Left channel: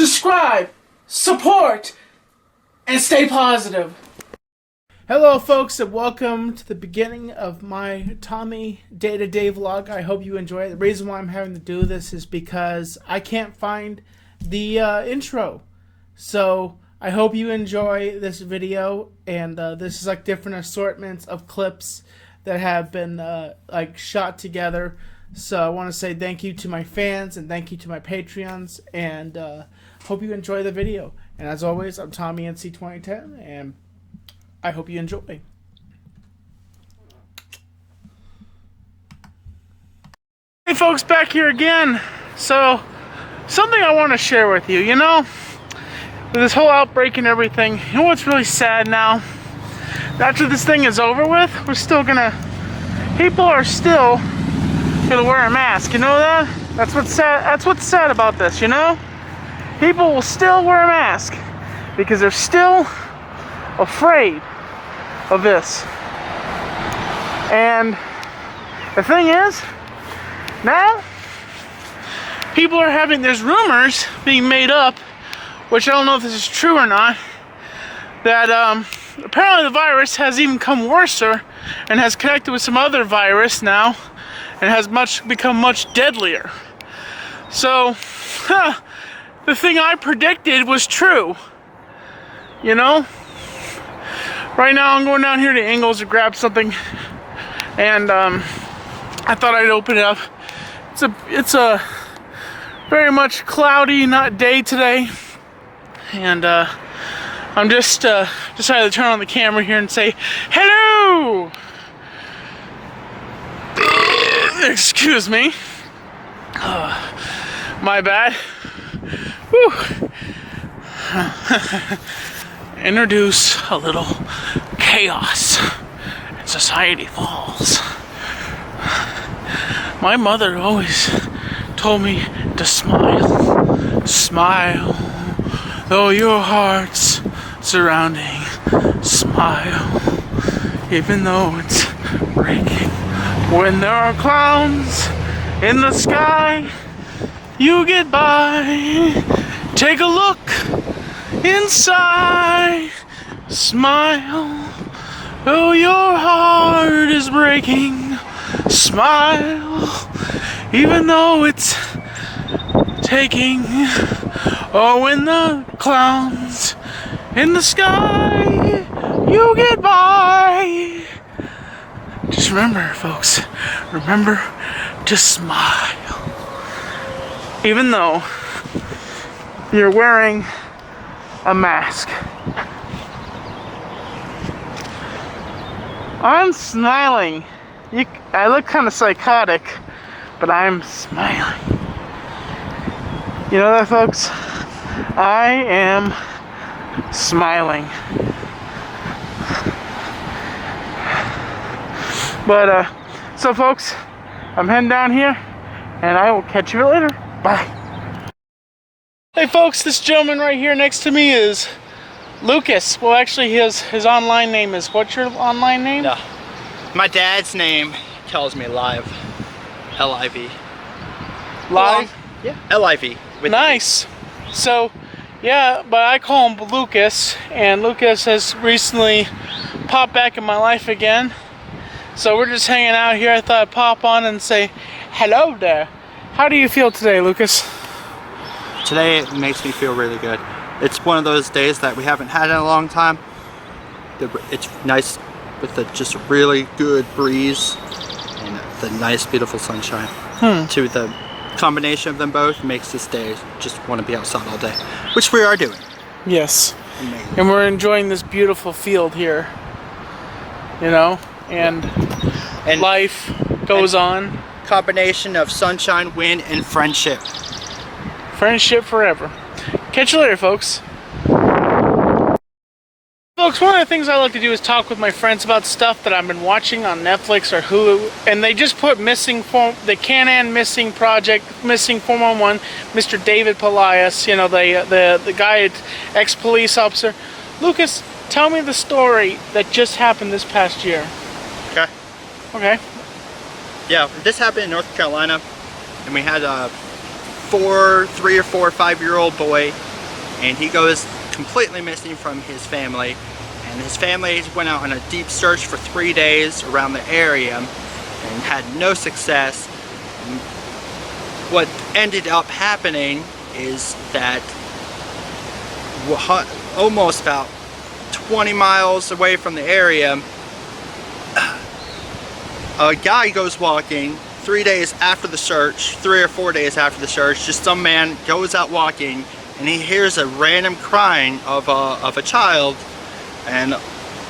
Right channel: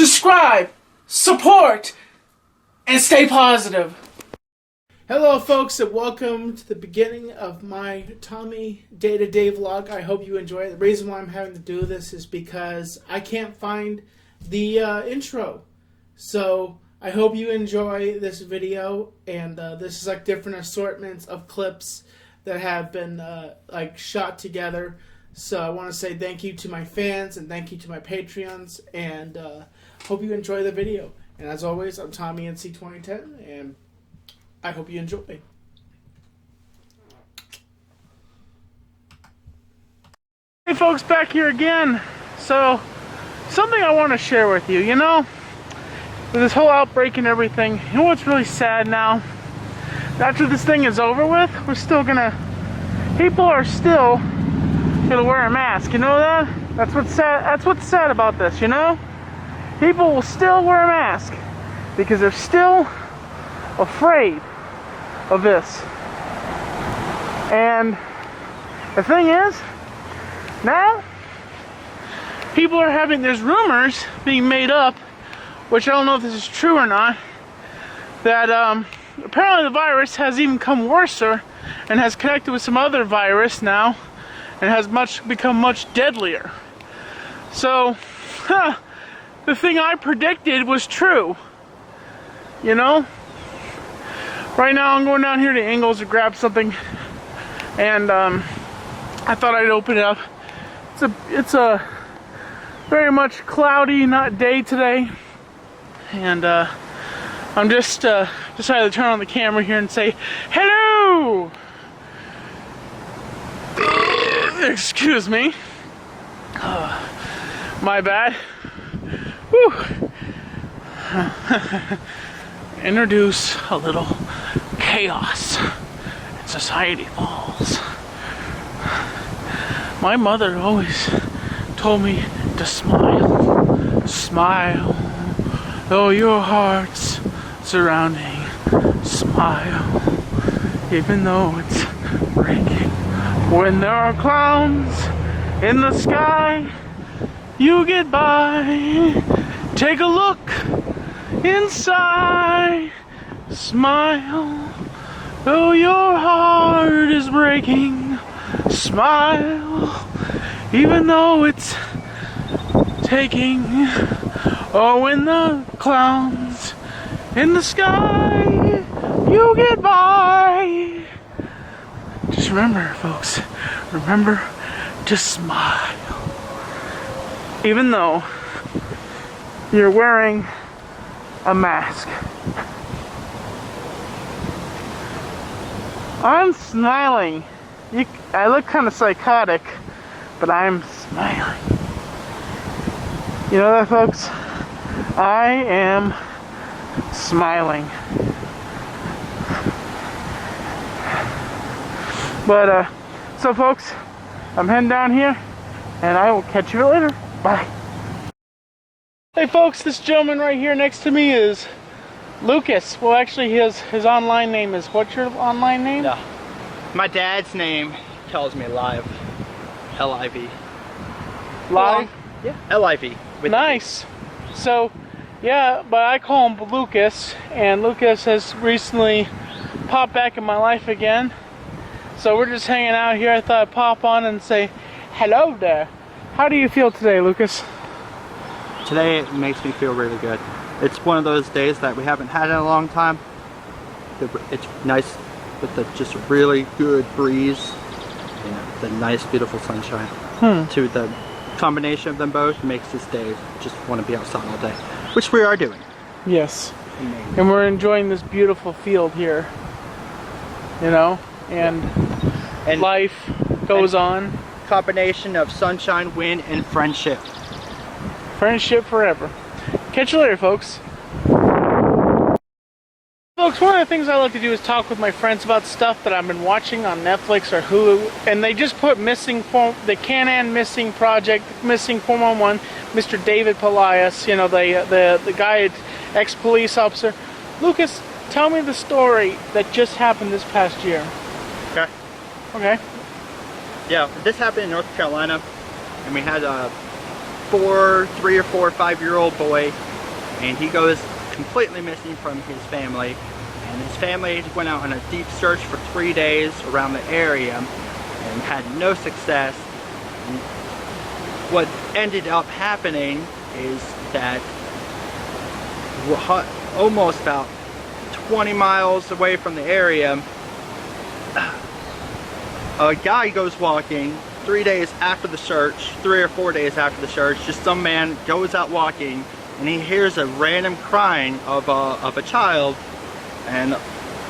subscribe, support, and stay positive. Hello folks, and welcome to the beginning of my Tommy day-to-day vlog. I hope you enjoy it. The reason why I'm having to do this is because I can't find the intro. So I hope you enjoy this video, and this is like different assortments of clips that have been like shot together. So I want to say thank you to my fans and thank you to my Patreons, and hope you enjoy the video. And as always, I'm Tommy NC2010, and I hope you enjoy. Hey folks, back here again. So, something I want to share with you. You know, with this whole outbreak and everything, you know what's really sad now? After this thing is over with, people are still gonna wear a mask. You know that? That's what's sad. That's what's sad about this, you know? People will still wear a mask because they're still afraid of this. And the thing is, now people are there's rumors being made up, which I don't know if this is true or not, that apparently the virus has even come worse and has connected with some other virus now and has become much deadlier. So the thing I predicted was true, you know? Right now I'm going down here to Ingles to grab something, and I thought I'd open it up. It's a very much cloudy, not day today, and I'm just decided to turn on the camera here and say hello. Excuse me. My bad. Whew. Introduce a little chaos and society falls. My mother always told me to smile, smile, though your heart's surrounding, smile, even though it's breaking. When there are clowns in the sky, you get by. Take a look inside, smile, though your heart is breaking, smile, even though it's taking. Oh, when the clowns in the sky, you get by. Just remember, folks, remember to smile, even though you're wearing a mask. I'm smiling. I look kind of psychotic, but I'm smiling. You know that, folks? I am smiling. But so folks, I'm heading down here, and I will catch you later. Bye. Hey folks, this gentleman right here next to me is Lucas. Well, actually his online name is, what's your online name? No. My dad's name tells me Live. L-I-V. Live? Yeah. L-I-V. Nice. So, yeah, but I call him Lucas, and Lucas has recently popped back in my life again. So we're just hanging out here. I thought I'd pop on and say hello there. How do you feel today, Lucas? Today it makes me feel really good. It's one of those days that we haven't had in a long time. It's nice with just really good breeze and the nice beautiful sunshine. To the combination of them both makes this day just want to be outside all day, which we are doing. Yes. And we're enjoying this beautiful field here, you know, and life goes on. Combination of sunshine, wind, and friendship. Friendship forever. Catch you later, folks. Folks, one of the things I like to do is talk with my friends about stuff that I've been watching on Netflix or Hulu, and they just put the Can-Am Missing Project, Missing 411, Mr. David Pelias, you know, the guy, ex-police officer. Lucas, tell me the story that just happened this past year. Okay. Okay. Yeah, this happened in North Carolina, and we had a 3 or 4 or 5 year old boy and he goes completely missing from his family. And his family went out on a deep search for 3 days around the area and had no success. And what ended up happening is that almost about 20 miles away from the area, a guy goes walking 3 days after the search, 3 or 4 days after the search. Just some man goes out walking and he hears a random crying of a child, and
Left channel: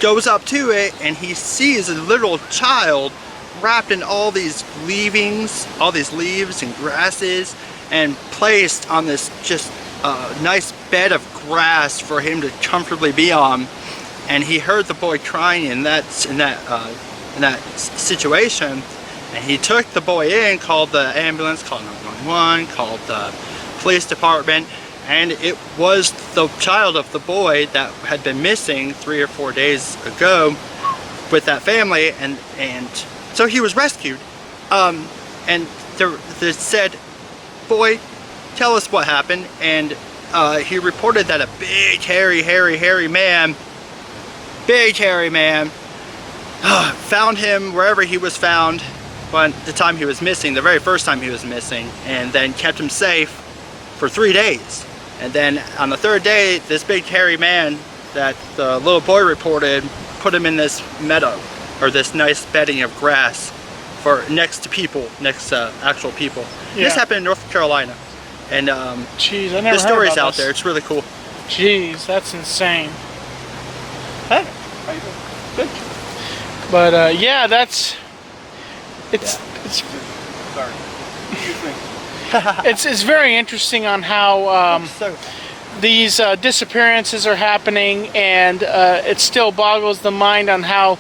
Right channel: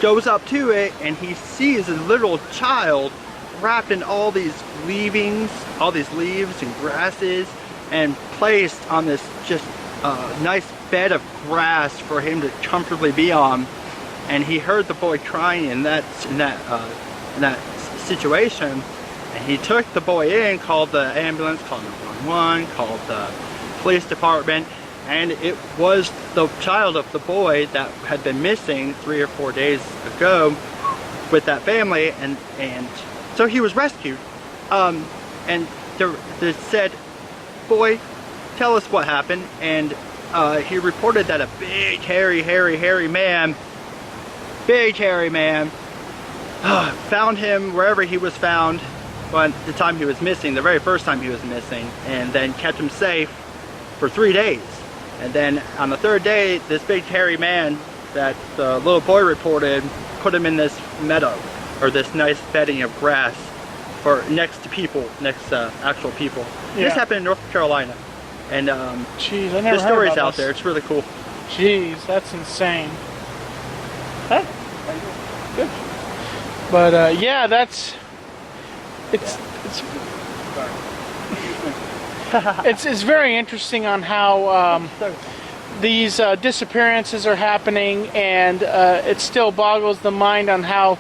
goes up to it, and he sees a little child wrapped in all these leaves and grasses, and placed on this just nice bed of grass for him to comfortably be on. And he heard the boy crying in that situation, and he took the boy in, called the ambulance, called 911, called the police department, and it was the child of the boy that had been missing 3 or 4 days ago with that family, and so he was rescued. And they said, "Boy, tell us what happened." And he reported that a big, hairy man, found him wherever he was found, but the time he was missing, the very first time he was missing, and then kept him safe for 3 days. And then on the 3rd day, this big hairy man that the little boy reported put him in this meadow, or this nice bedding of grass for next to actual people. Yeah. This happened in North Carolina, and jeez, I never the story's heard about out there. It's really cool. Jeez, that's insane. Hey, how you doing? Good. But yeah, it's Sorry. it's very interesting on how these disappearances are happening, and it still boggles the mind on how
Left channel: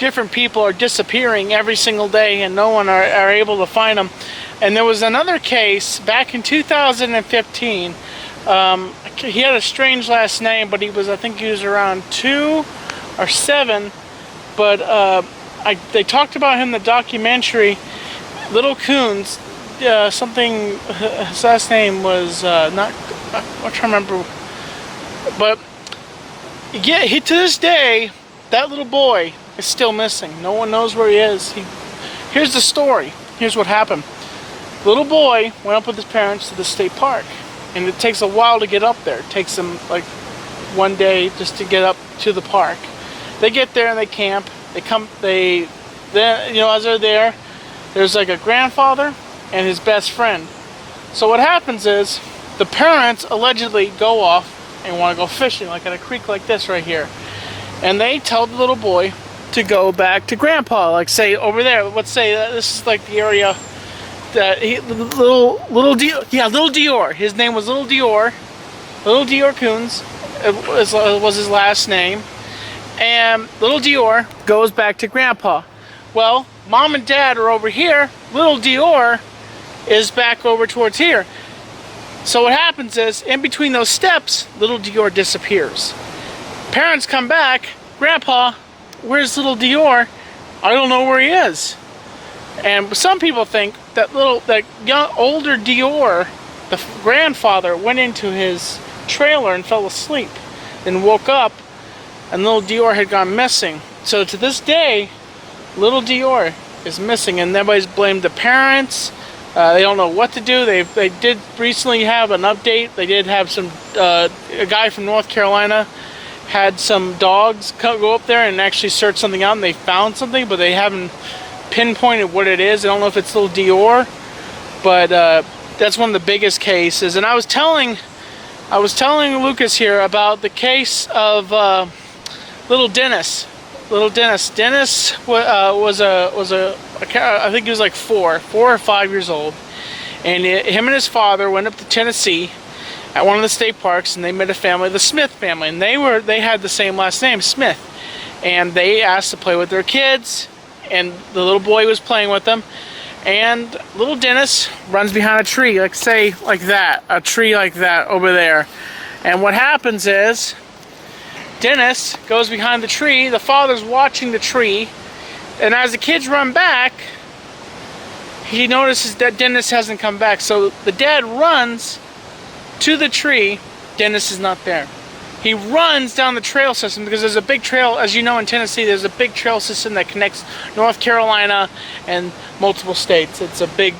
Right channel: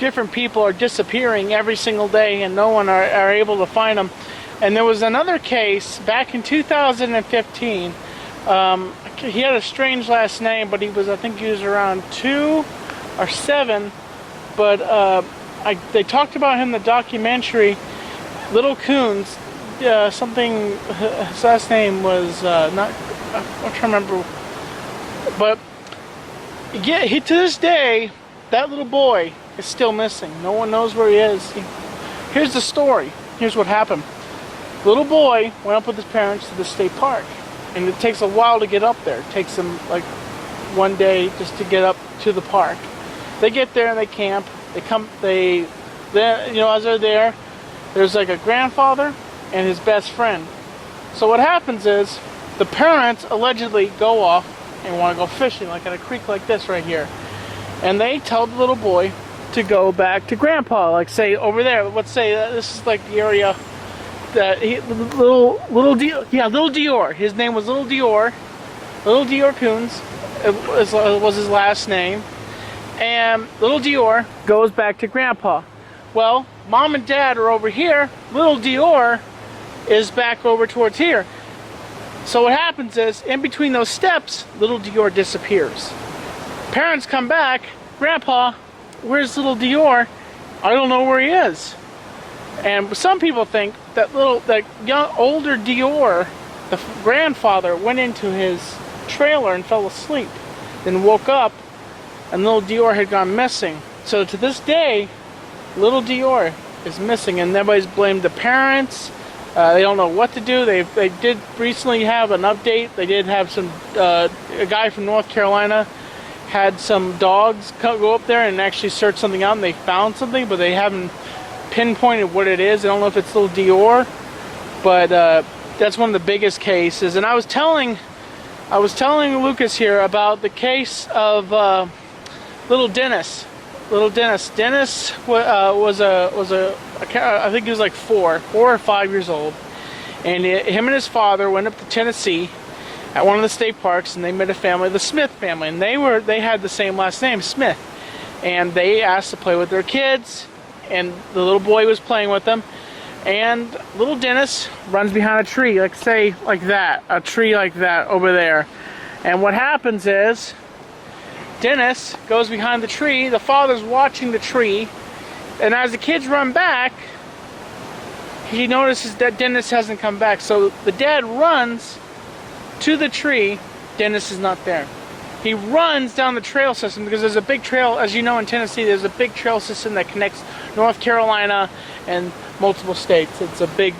different people are disappearing every single day, and no one are able to find them. And there was another case back in 2015. He had a strange last name, but I think he was around 2 or 7. But they talked about him in the documentary, Little Coons. Something, his last name was I'm trying to remember. But yeah, to this day, that little boy is still missing. No one knows where he is. Here's the story. Here's what happened. Little boy went up with his parents to the state park, and it takes a while to get up there. It takes them like 1 day just to get up to the park. They get there and they camp. Then as they're there, there's like a grandfather and his best friend. So what happens is the parents allegedly go off and want to go fishing, like at a creek like this right here, and they tell the little boy to go back to grandpa, like say over there. Let's say this is like the area that little Dior. His name was Little Dior Coons. Was his last name. And Little Dior goes back to grandpa. Well, mom and dad are over here. Little Dior is back over towards here. So what happens is, in between those steps, Little Dior disappears. Parents come back. Grandpa, where's Little Dior? I don't know where he is. And some people think that older Dior, the grandfather, went into his trailer and fell asleep, then woke up, and Little Dior had gone missing. So to this day, Little Dior is missing, and everybody's blamed the parents. They don't know what to do. They did recently have an update. They did have a guy from North Carolina had some dogs go up there and actually search something out, and they found something, but they haven't pinpointed what it is. I don't know if it's Little Dior, but that's one of the biggest cases. And I was telling Lucas here about the case of little Dennis. Dennis was I think he was like 4 or 5 years old, and him and his father went up to Tennessee at one of the state parks, and they met a family, the Smith family, and they had the same last name, Smith, and they asked to play with their kids, and the little boy was playing with them, and little Dennis runs behind a tree, a tree like that over there, and what happens is Dennis goes behind the tree. The father's watching the tree, and as the kids run back, he notices that Dennis hasn't come back. So the dad runs to the tree. Dennis is not there. He runs down the trail system because there's a big trail, as you know, in Tennessee, there's a big trail system that connects North Carolina and multiple states. It's a big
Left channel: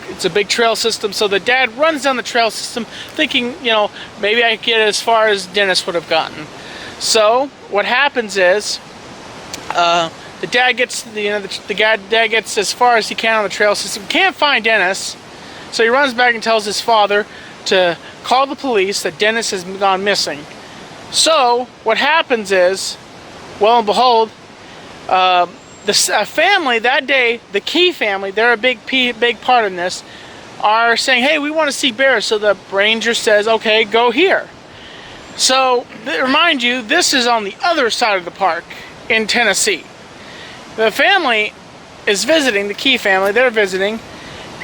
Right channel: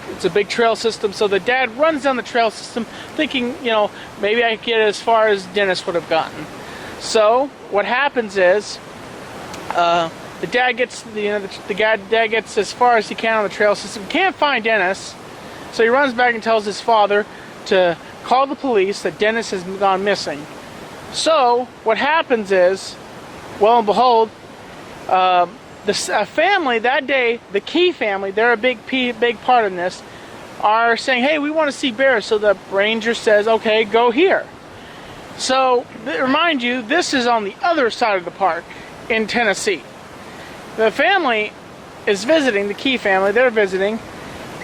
trail system. So the dad runs down the trail system thinking, you know, maybe I can get as far as Dennis would have gotten. So what happens is the dad gets dad gets as far as he can on the trail system, can't find Dennis. So he runs back and tells his father to call the police that Dennis has gone missing. So what happens is, well and behold, the family that day, the Key family, they're a big part in this, are saying, hey, we want to see bears. So the ranger says, okay, go here. So remind you, this is on the other side of the park in Tennessee. The family is visiting, the Key family, they're visiting,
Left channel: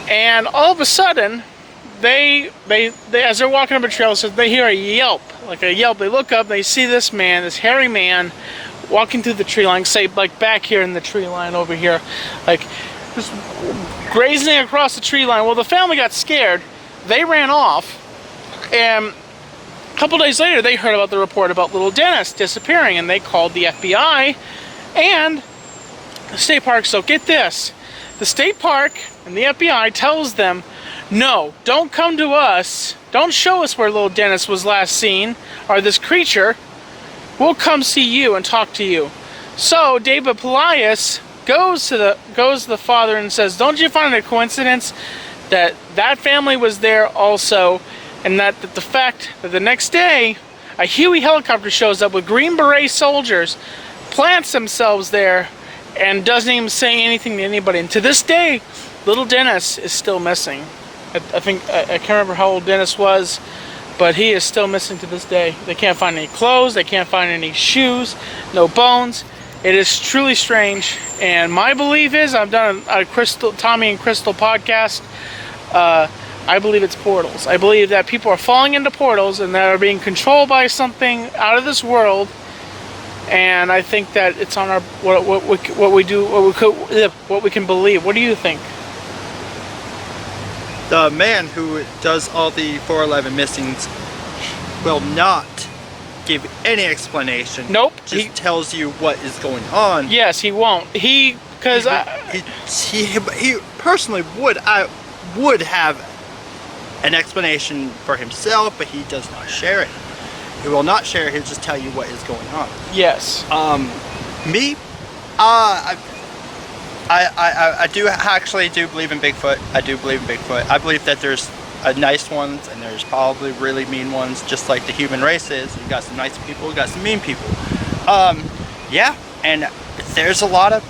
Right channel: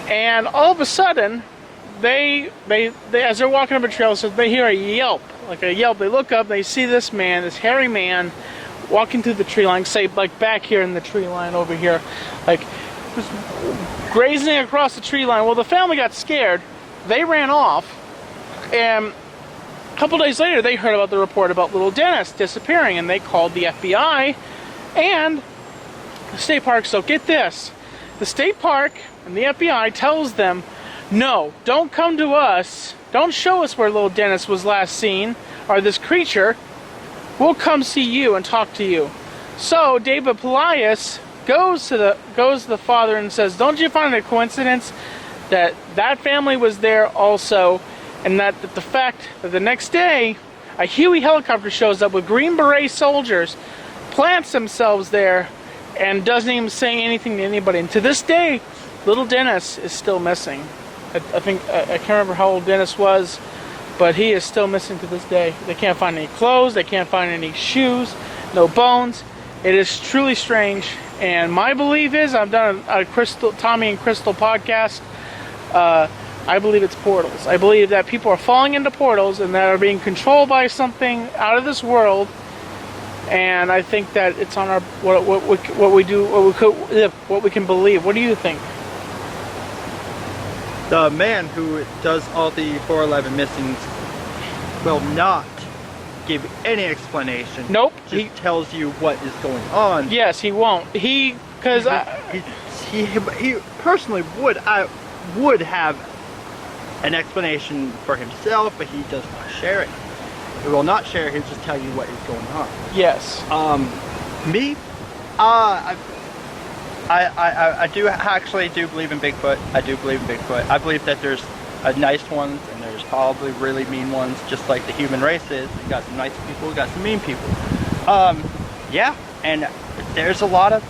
and all of a sudden, they as they're walking up a trail, so they hear a yelp, like a yelp. They look up, they see this man, this hairy man, walking through the tree line, say like back here in the tree line over here, like just grazing across the tree line. Well, the family got scared, they ran off, and a couple days later they heard about the report about little Dennis disappearing, and they called the FBI and the state park. So get this, the state park and the FBI tells them, no, don't come to us. Don't show us where little Dennis was last seen, or this creature. We'll come see you and talk to you. So David Polias goes to the father and says, don't you find it a coincidence that that family was there also, and that the fact that the next day a Huey helicopter shows up with Green Beret soldiers, plants themselves there, and doesn't even say anything to anybody. And to this day, little Dennis is still missing. I can't remember how old Dennis was, but he is still missing to this day. They can't find any clothes, they can't find any shoes, no bones. It is truly strange, and my belief is, I've done a Tommy and Crystal podcast, I believe it's portals. I believe that people are falling into portals and that are being controlled by something out of this world, and I think that it's on our what we can believe. What do you think? The man who does all the 411 missings will not give any explanation. Nope. Just tells you what is going on. Yes, he won't. He personally would have an explanation for himself, but he does not share it. He will not share it. He'll just tell you what is going on. Yes. I do actually believe in Bigfoot. I do believe in Bigfoot. I believe that there's nice ones and there's probably really mean ones, just like the human race is. We've got some nice people, we've got some mean people. Yeah, and there's a lot of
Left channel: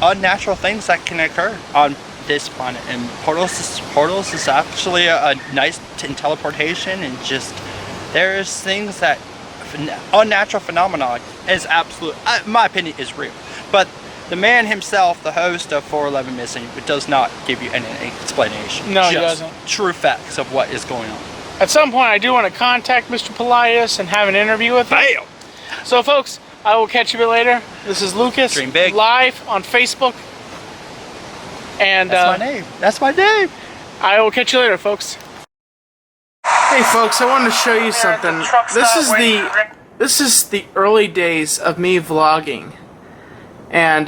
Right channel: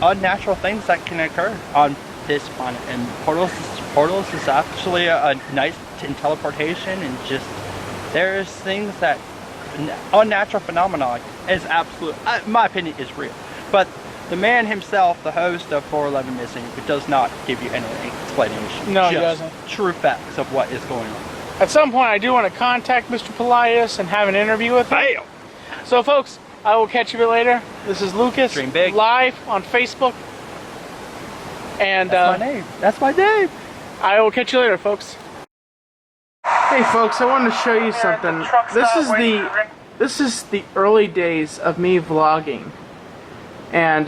unnatural things that can occur on this planet, and portals is actually a nice teleportation, and just there's things that unnatural phenomenon is absolute, in my opinion, is real. But the man himself, the host of 411 Missing, does not give you any explanation. No, just he doesn't. True facts of what is going on. At some point, I do want to contact Mr. Polias and have an interview with him. Bam! So, folks, I will catch you a bit later. This is Lucas, Dream big. live on Facebook. And that's my name. That's my name. I will catch you later, folks. Hey, folks, I wanted to show you something. This is the early days of me vlogging. And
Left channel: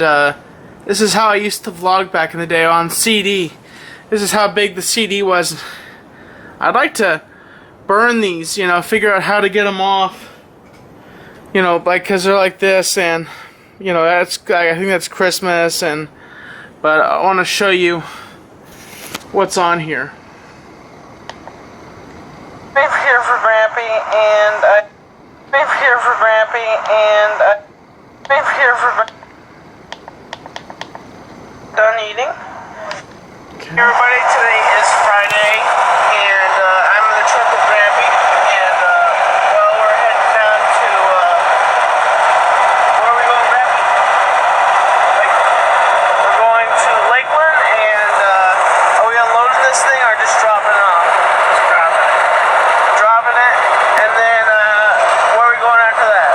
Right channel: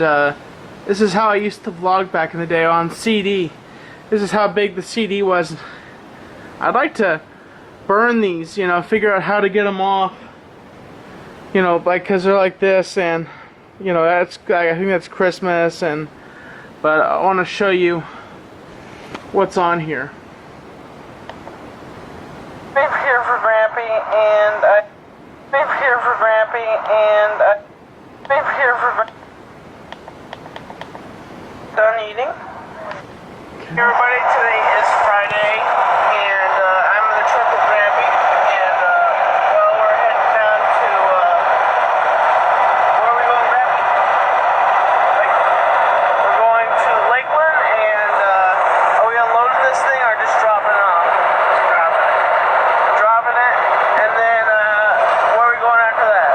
this is how I used to vlog back in the day on CD. This is how big the CD was. I'd like to burn these, you know, figure out how to get them off. You know, like, because they're like this, and, you know, I think that's Christmas, but I want to show you what's on here. I'm here for Grampy, and I'm here for Grampy, and I'm here for done eating. Okay. Everybody, today is Friday, and I'm in the truck with Grampy, and well, we're heading down to where are we going, Grampy? We're going to Lakeland, and are we unloading this thing or just dropping it off? Just dropping it, and then where are we going after that?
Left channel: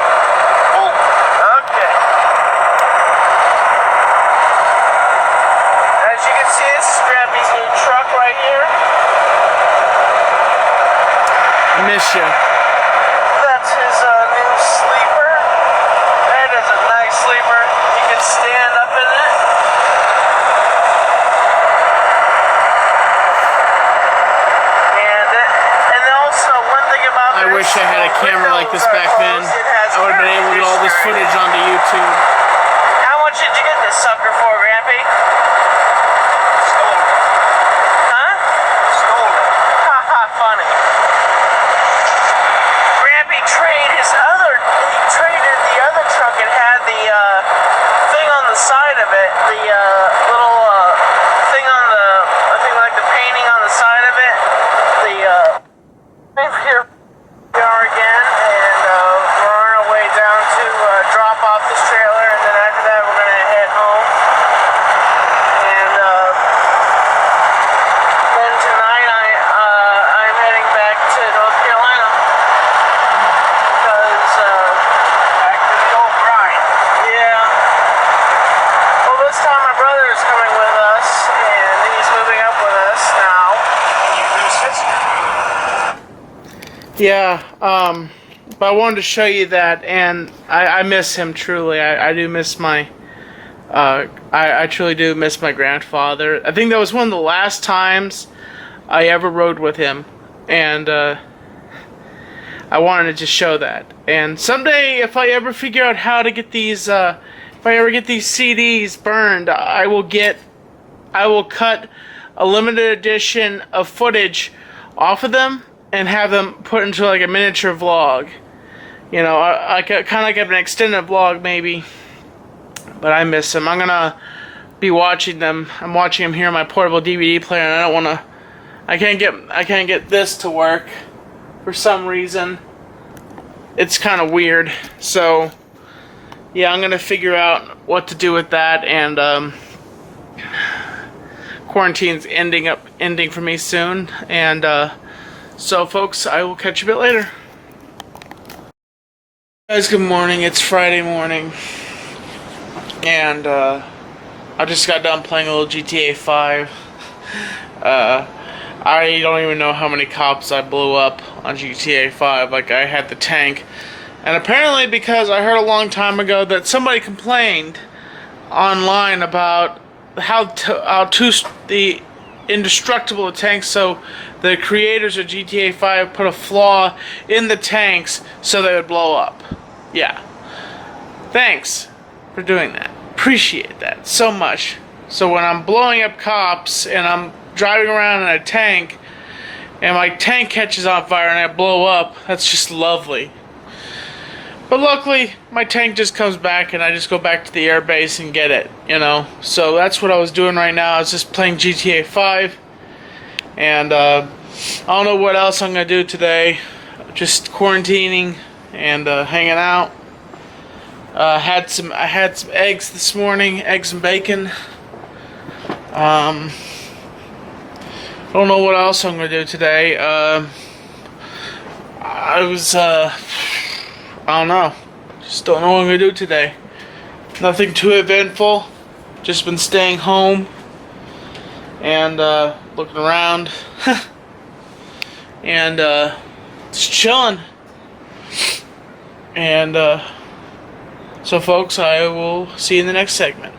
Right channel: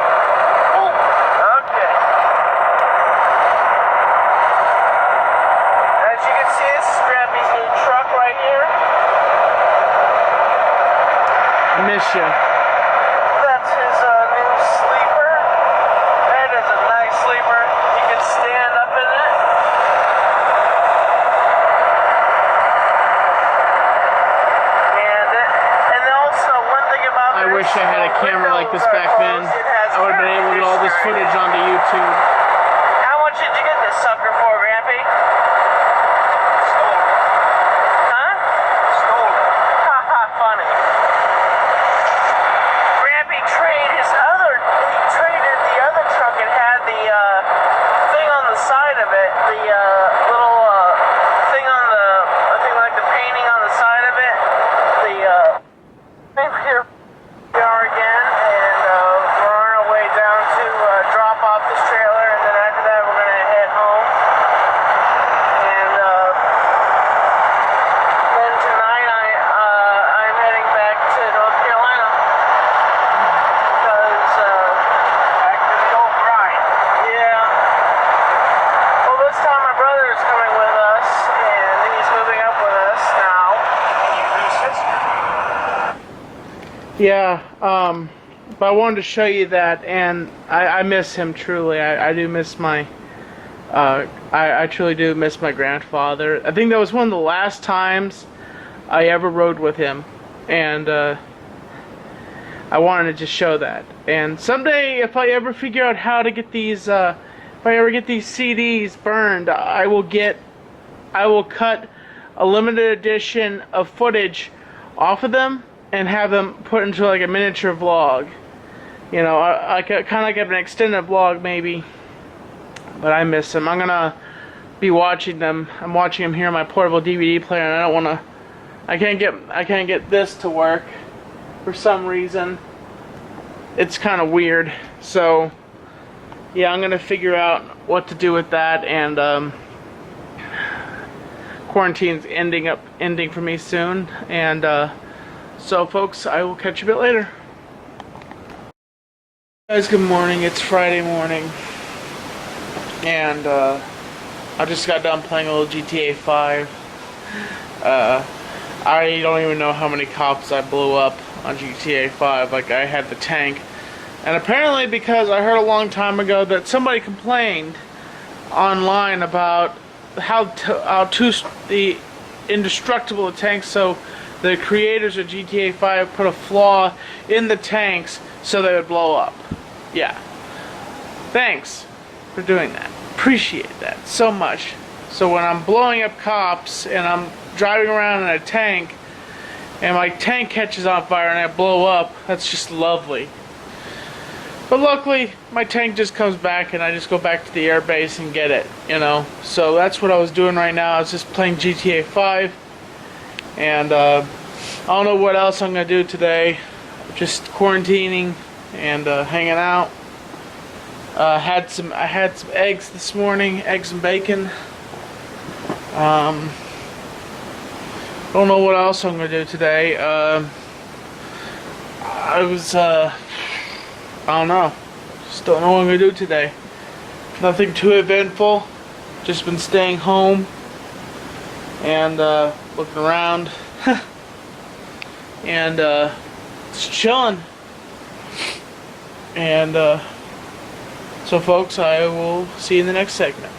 Okay. As you can see, this is Grampy's new truck right here. miss you. That's his new sleeper. That is a nice sleeper. He can stand up in it. And also one thing about I wish I had a camera like this back then. I would have been able to get all this footage onto YouTube. How much did you get this sucker for, Grampy? Stole it. Huh? Stole it. Haha, funny. Grampy traded he traded the other truck. It had the thing on the side of it, the little thing on the, I think like the painting on the side of it. Here we are again, and we're on our way down to drop off this trailer, and then after that we're gonna head home. And then tonight I'm heading back to North Carolina because back to the old grind. Yeah. Well, this time my brother is coming with us, and he's moving up with us now. And your new sister. Yeah, but I wanted to show you that, and I miss him truly. I do miss my, I truly do miss my grandfather. I think that was one of the last times I ever rode with him, and I wanted to just show that. And someday, if I ever figure out how to get these, if I ever get these CDs burned, I will cut a limited edition of footage off of them and have them put into like a miniature vlog. You know, kind of like an extended vlog maybe. But I miss them. I'm gonna be watching them. I'm watching them here on my portable DVD player, and I don't want to. I can't get this to work for some reason. It's kind of weird. So yeah, I'm gonna figure out what to do with that, and quarantine's ending for me soon, and so folks, I will catch you a bit later. Guys, good morning. It's Friday morning, and I just got done playing a little GTA 5. I don't even know how many cops I blew up on GTA 5. Like, I had the tank, and apparently because I heard a long time ago that somebody complained online about how the indestructible the tanks, so the creators of GTA 5 put a flaw in the tanks so they would blow up. Yeah. Thanks for doing that. Appreciate that so much. So when I'm blowing up cops and I'm driving around in a tank and my tank catches on fire and I blow up, that's just lovely. But luckily, my tank just comes back and I just go back to the air base and get it, you know. So that's what I was doing right now. I was just playing GTA 5. And I don't know what else I'm going to do today. Just quarantining and hanging out. I had some eggs this morning, eggs and bacon. I don't know what else I'm going to do today. I don't know. Just don't know what I'm going to do today. Nothing too eventful. Just been staying home and looking around and just chilling. And so folks, I will see you in the next segment.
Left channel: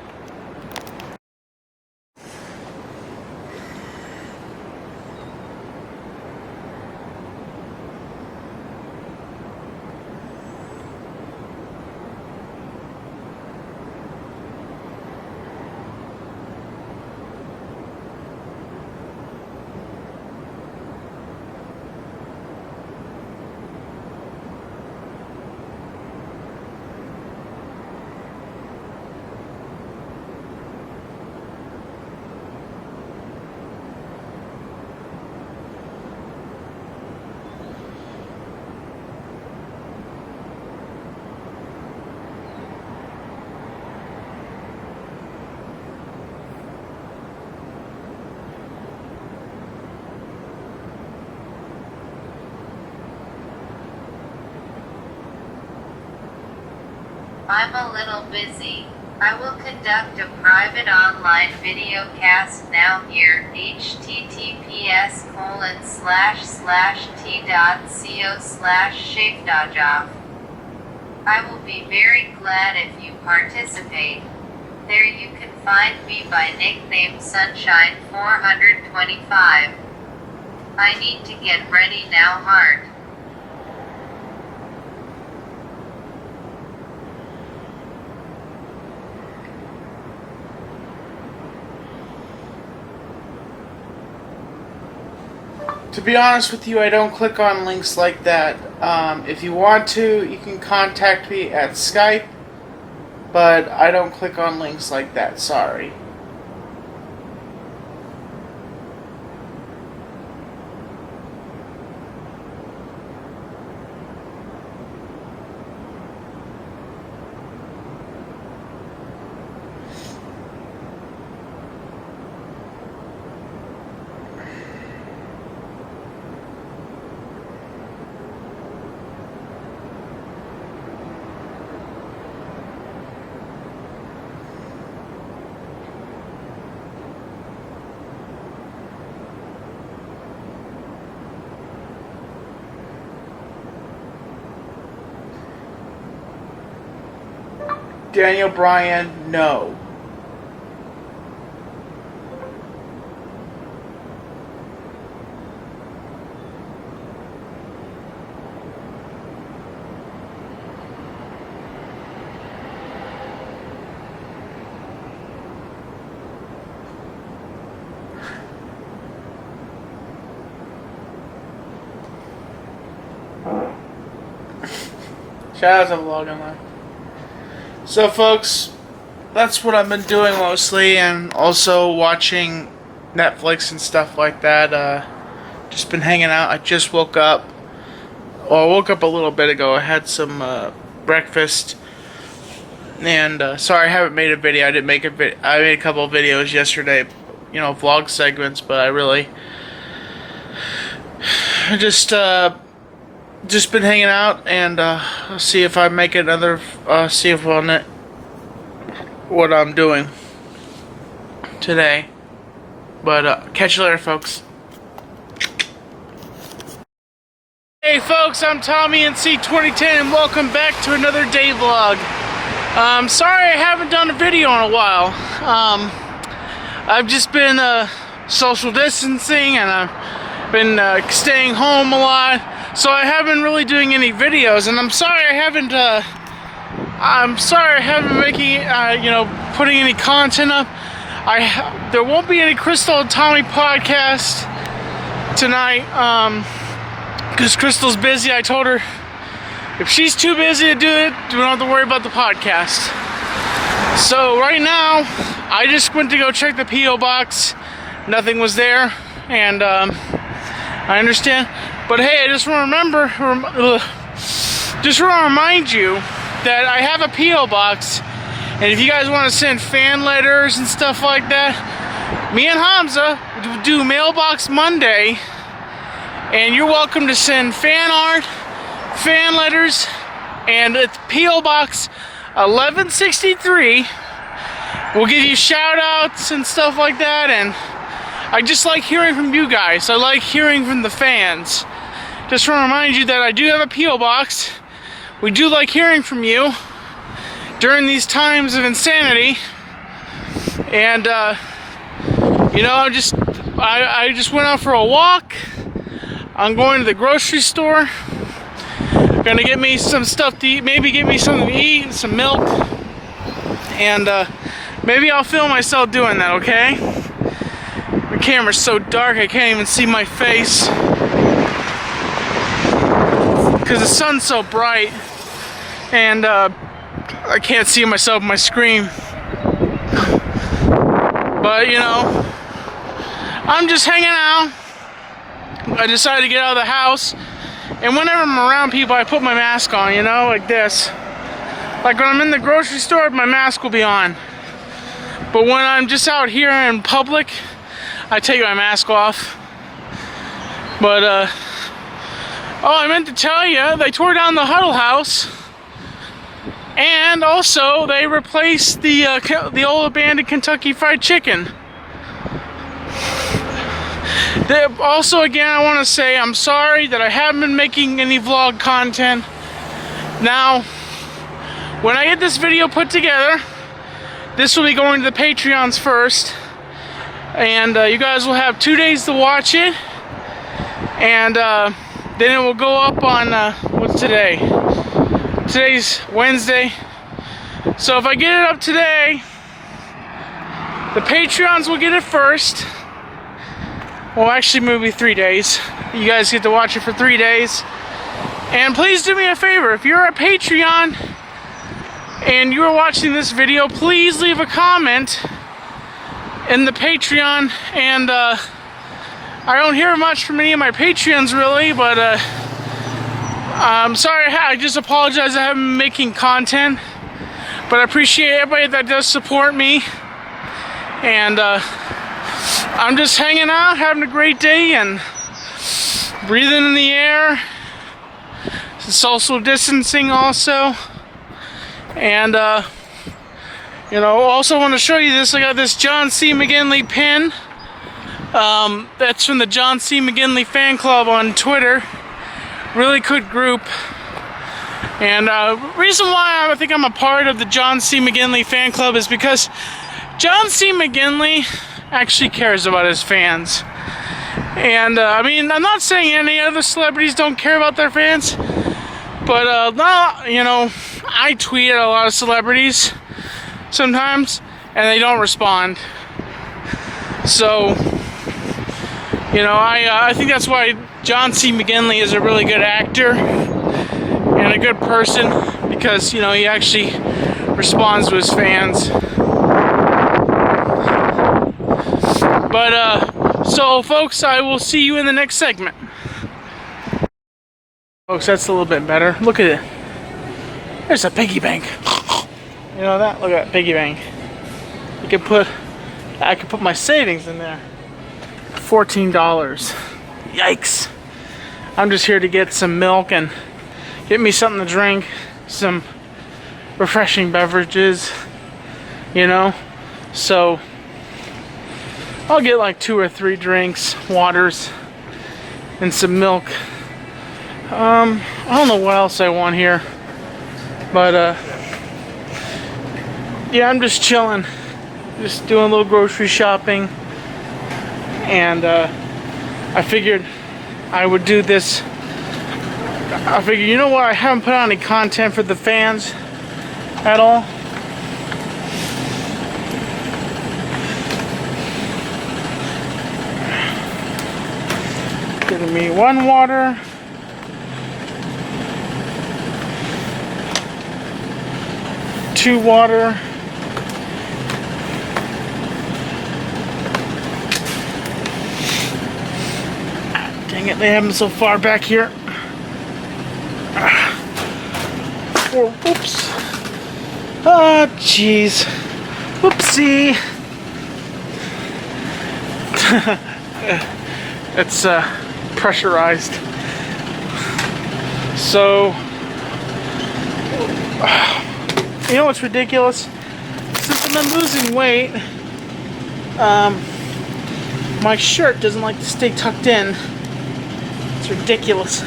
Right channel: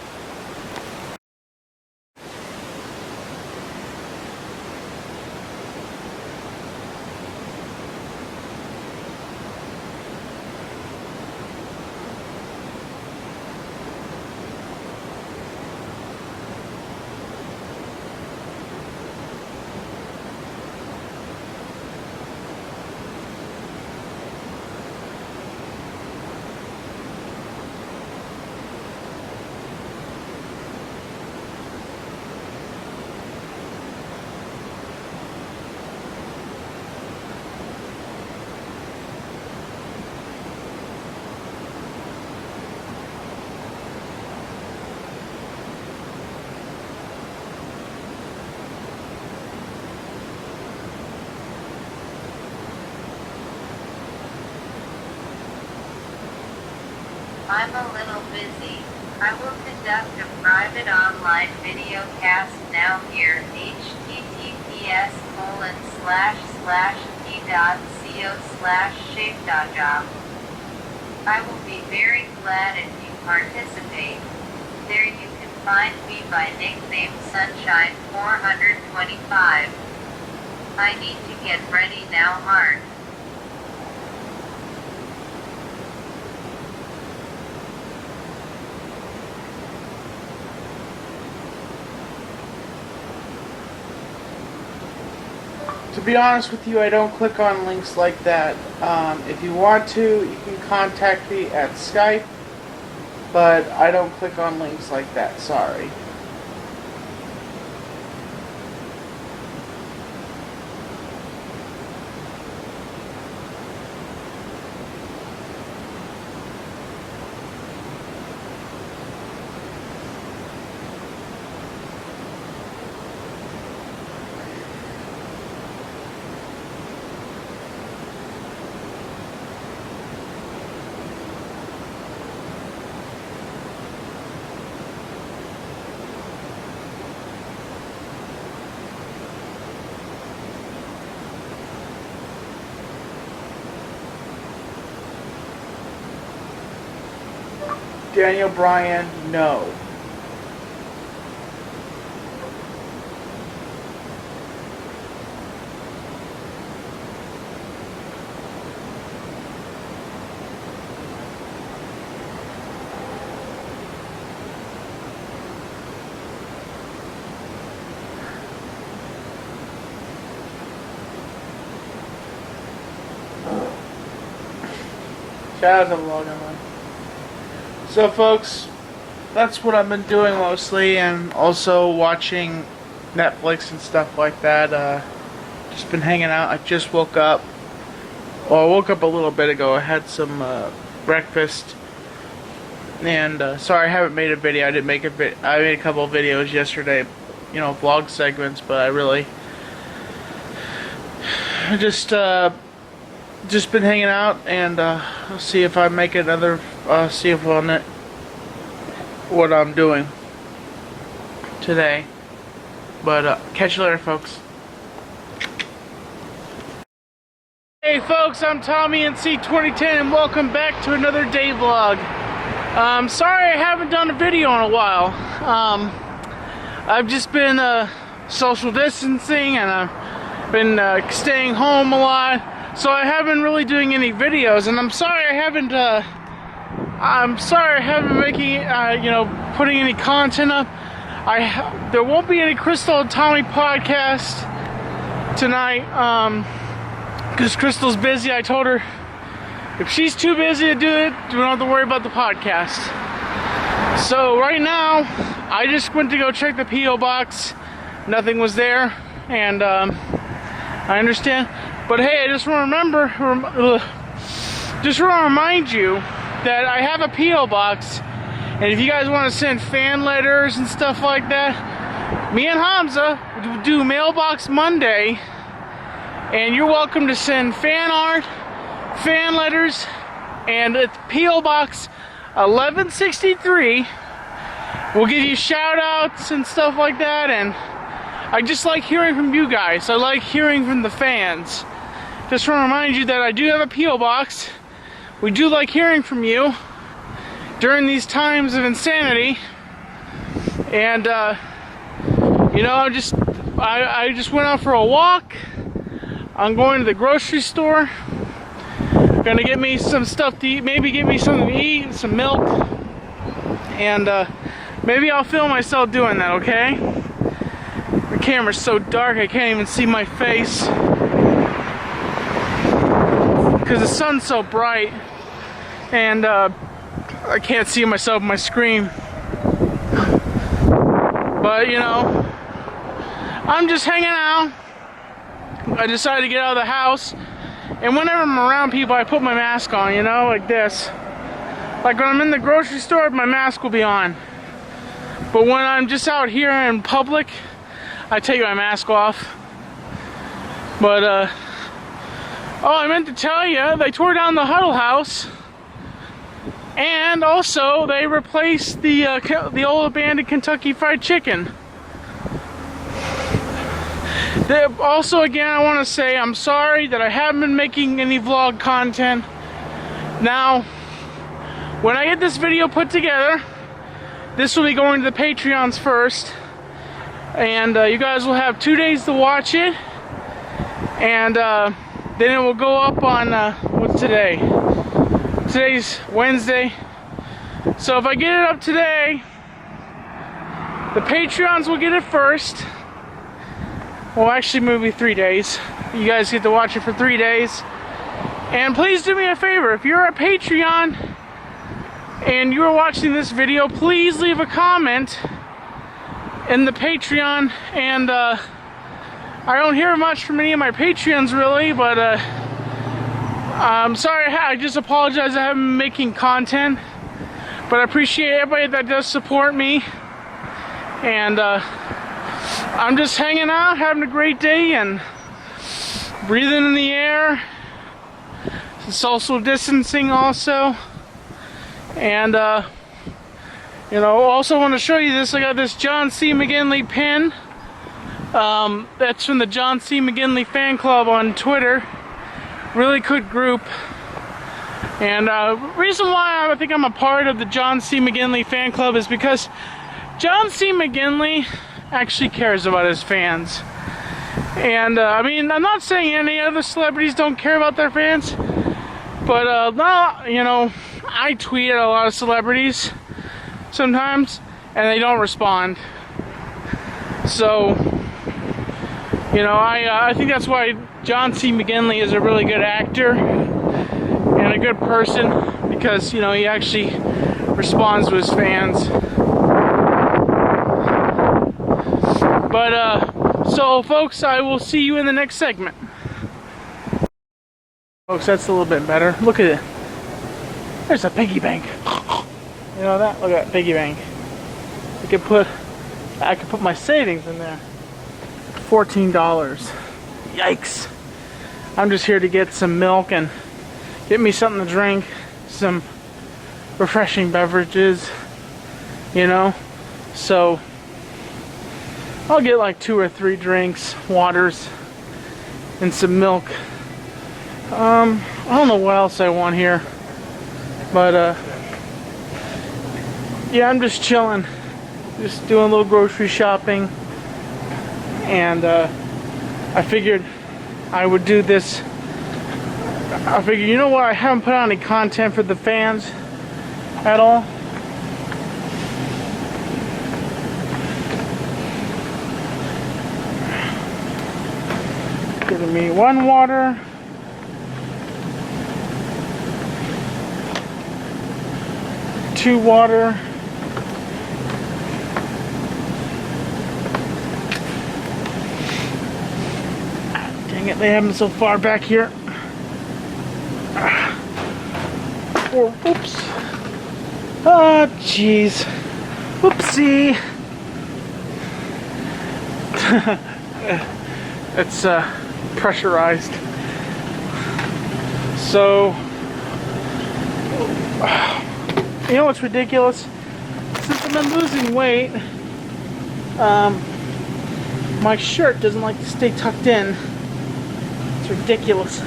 I'm a little busy. I will conduct a private online video cast now here, https://t.co/shape.job. I will be very glad if you participate. There you can find me by nickname Sunshine425. I need to get ready now, heart. To be honest with you, I don't click on links like that. If you want to, you can contact me at Skype, but I don't click on links like that, sorry. Daniel Bryan, no. Shout out to Vlog Online. So folks, that's what I've been doing mostly, and also watching Netflix and stuff like that. Just been hanging out. I just woke up. Well, I woke up a little bit ago. I had some breakfast, and sorry I haven't made a video. I didn't make a I made a couple of videos yesterday, you know, vlog segments, but I really just been hanging out, and see if I make another, see if on it what I'm doing today. But catch you later, folks. Hey folks, I'm Tommy NC 2010, and welcome back to another day vlog. Sorry I haven't done a video in a while. I've just been social distancing, and I've been staying home a lot. So I haven't really doing any videos, and I'm sorry I haven't making you know, putting any content up. There won't be any Crystal and Tommy podcast tonight, because Crystal's busy. I told her if she's too busy to do it, we don't have to worry about the podcast. So right now, I just went to go check the P.O. box. Nothing was there, and I understand. But hey, I just want to remind you that I have a P.O. box, and if you guys want to send fan letters and stuff like that, me and Hamza do Mailbox Monday, and you're welcome to send fan art, fan letters, and it's P.O. Box 1163. We'll give you shout outs and stuff like that, and I just like hearing from you guys. I like hearing from the fans. Just want to remind you that I do have a P.O. box. We do like hearing from you during these times of insanity. And you know, I just went out for a walk. I'm going to the grocery store. Gonna get me some stuff to eat, maybe get me something to eat, some milk. And maybe I'll film myself doing that, okay? The camera's so dark I can't even see my face, because the sun's so bright, and I can't see myself on my screen. But you know, I'm just hanging out. I decided to get out of the house, and whenever I'm around people, I put my mask on, you know, like this. Like when I'm in the grocery store, my mask will be on. But when I'm just out here in public, I take my mask off. But oh, I meant to tell you, they tore down the Huddle House. And also, they replaced the old abandoned Kentucky Fried Chicken. Also, again, I want to say I'm sorry that I haven't been making any vlog content. Now, when I get this video put together, this will be going to the Patreons first. And you guys will have 2 days to watch it. And then it will go up on, what's today? Today's Wednesday. So if I get it up today, the Patreons will get it first. Well, actually, maybe 3 days. You guys get to watch it for 3 days. And please do me a favor. If you're a Patreon and you're watching this video, please leave a comment in the Patreon. And I don't hear much from any of my Patreons really, but I'm sorry. I just apologize I haven't been making content. But I appreciate everybody that does support me. And I'm just hanging out, having a great day, and breathing in the air. Social distancing also. And you know, also want to show you this. I got this John C. McGinley pin. That's from the John C. McGinley fan club on Twitter. Really good group. And reason why I think I'm a part of the John C. McGinley fan club is because John C. McGinley actually cares about his fans. And I mean, I'm not saying any other celebrities don't care about their fans, but no, you know, I tweet at a lot of celebrities sometimes and they don't respond. So, you know, I think that's why John C. McGinley is a really good actor and a good person, because, you know, he actually responds to his fans. But so folks, I will see you in the next segment. Folks, that's a little bit better. Look at it. There's a piggy bank. You know that? Look at that piggy bank. I could put my savings in there. $14. Yikes. I'm just here to get some milk and get me something to drink, some refreshing beverages, you know. So I'll get like 2 or 3 drinks, waters, and some milk. I don't know what else I want here, but yeah, I'm just chilling, just doing a little grocery shopping, and I figured I would do this. I figured, you know what, I haven't put out any content for the fans at all. Giving me 1 water, 2 water, dang it, they have them so far back here. 4, oops. Oh, jeez. Whoopsie. It's pressurized. So, you know what's ridiculous? Since I've been losing weight, my shirt doesn't like to stay tucked in. It's ridiculous.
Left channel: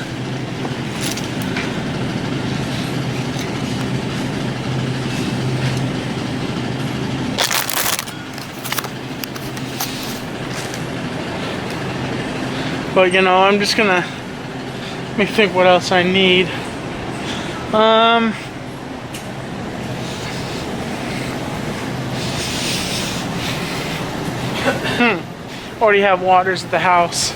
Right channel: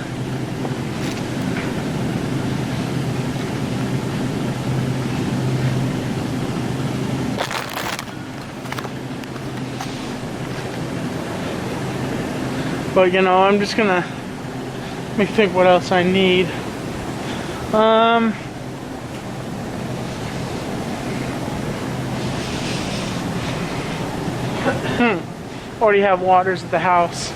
But you know, I'm just gonna let me think what else I need. Already have waters at the house.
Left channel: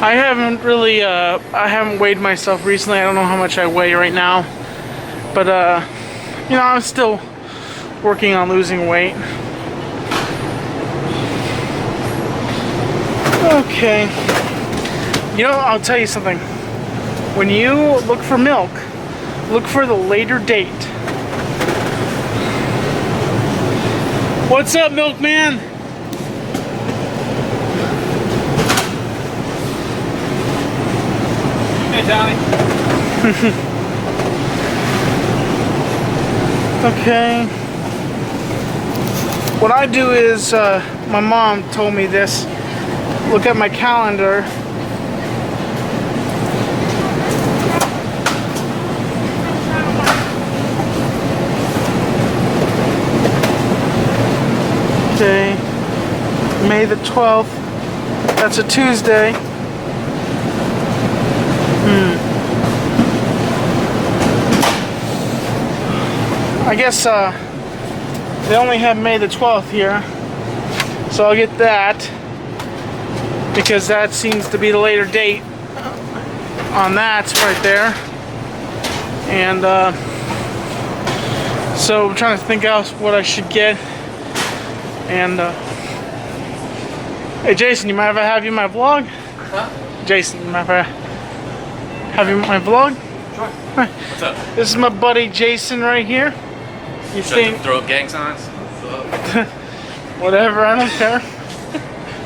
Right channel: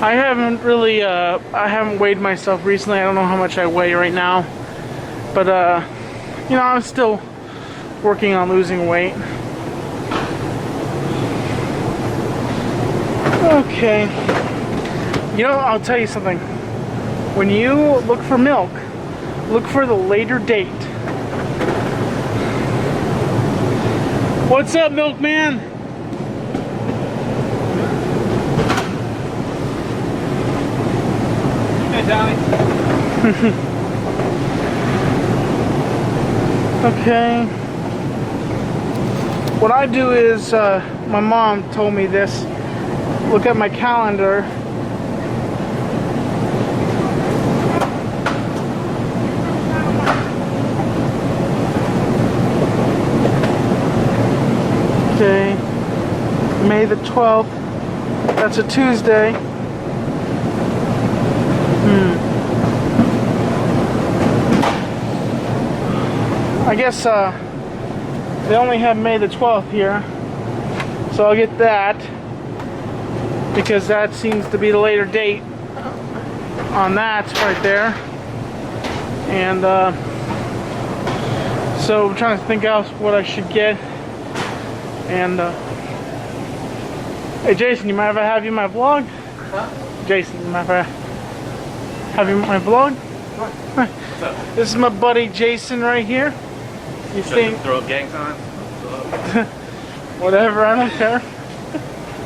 I haven't really, I haven't weighed myself recently. I don't know how much I weigh right now. But, you know, I'm still working on losing weight. Okay. You know, I'll tell you something. When you look for milk, look for the later date. What's up, milkman? Johnny. Okay. What I do is, my mom told me this. Look at my calendar. Okay. May the 12th. That's a Tuesday. I guess they only have May the 12th here, so I'll get that because that seems to be the later date on that right there. And so I'm trying to think out what I should get. And hey Jason, you mind if I have you in my vlog? Huh? Jason, you mind if I have you in my vlog? Sure. Hi. What's up? This is my buddy Jason right here. You Should think throw up gang signs? whatever, I don't care.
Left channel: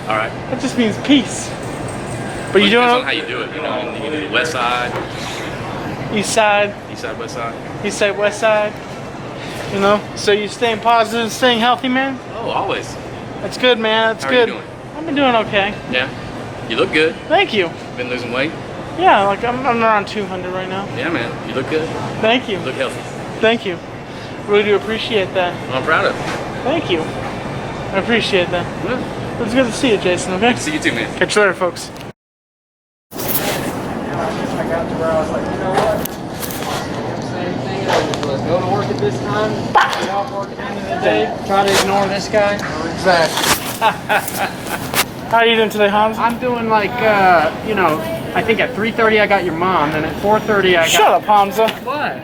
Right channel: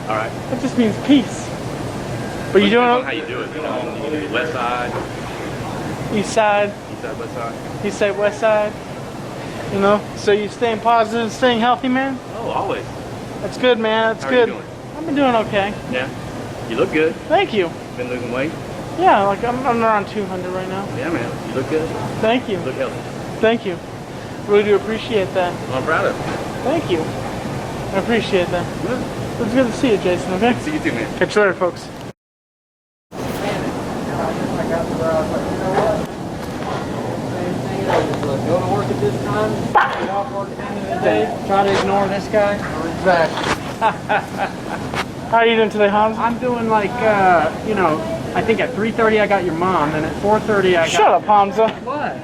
All right. That just means peace. But Well, you it depends on don't how you do it. You know, you can do the west side, east side, west side. east side, west side. You know, so you staying positive, staying healthy, man. Oh, always. That's good, man. That's How good. are you doing? I've been doing okay. Yeah. You look good. Thank you. Been losing weight. Yeah, like I'm around 200 right now. Yeah, man. You look good. Thank you. You look healthy. Thank you. Really do appreciate that. Well, I'm proud of you. Thank you. I appreciate that. Yeah. It's good to see you, Jason. Okay. See you too, man. Catch you later, folks. I got to where I was like, you know what? Same thing. I just go to work at this time, get off work at the end of the day, try to ignore this guy. Exactly. How are you doing today, Hamza? I'm doing like, you know, I think at 3:30 I got your mom, then at 4:30 I got. Shut up, Hamza. What?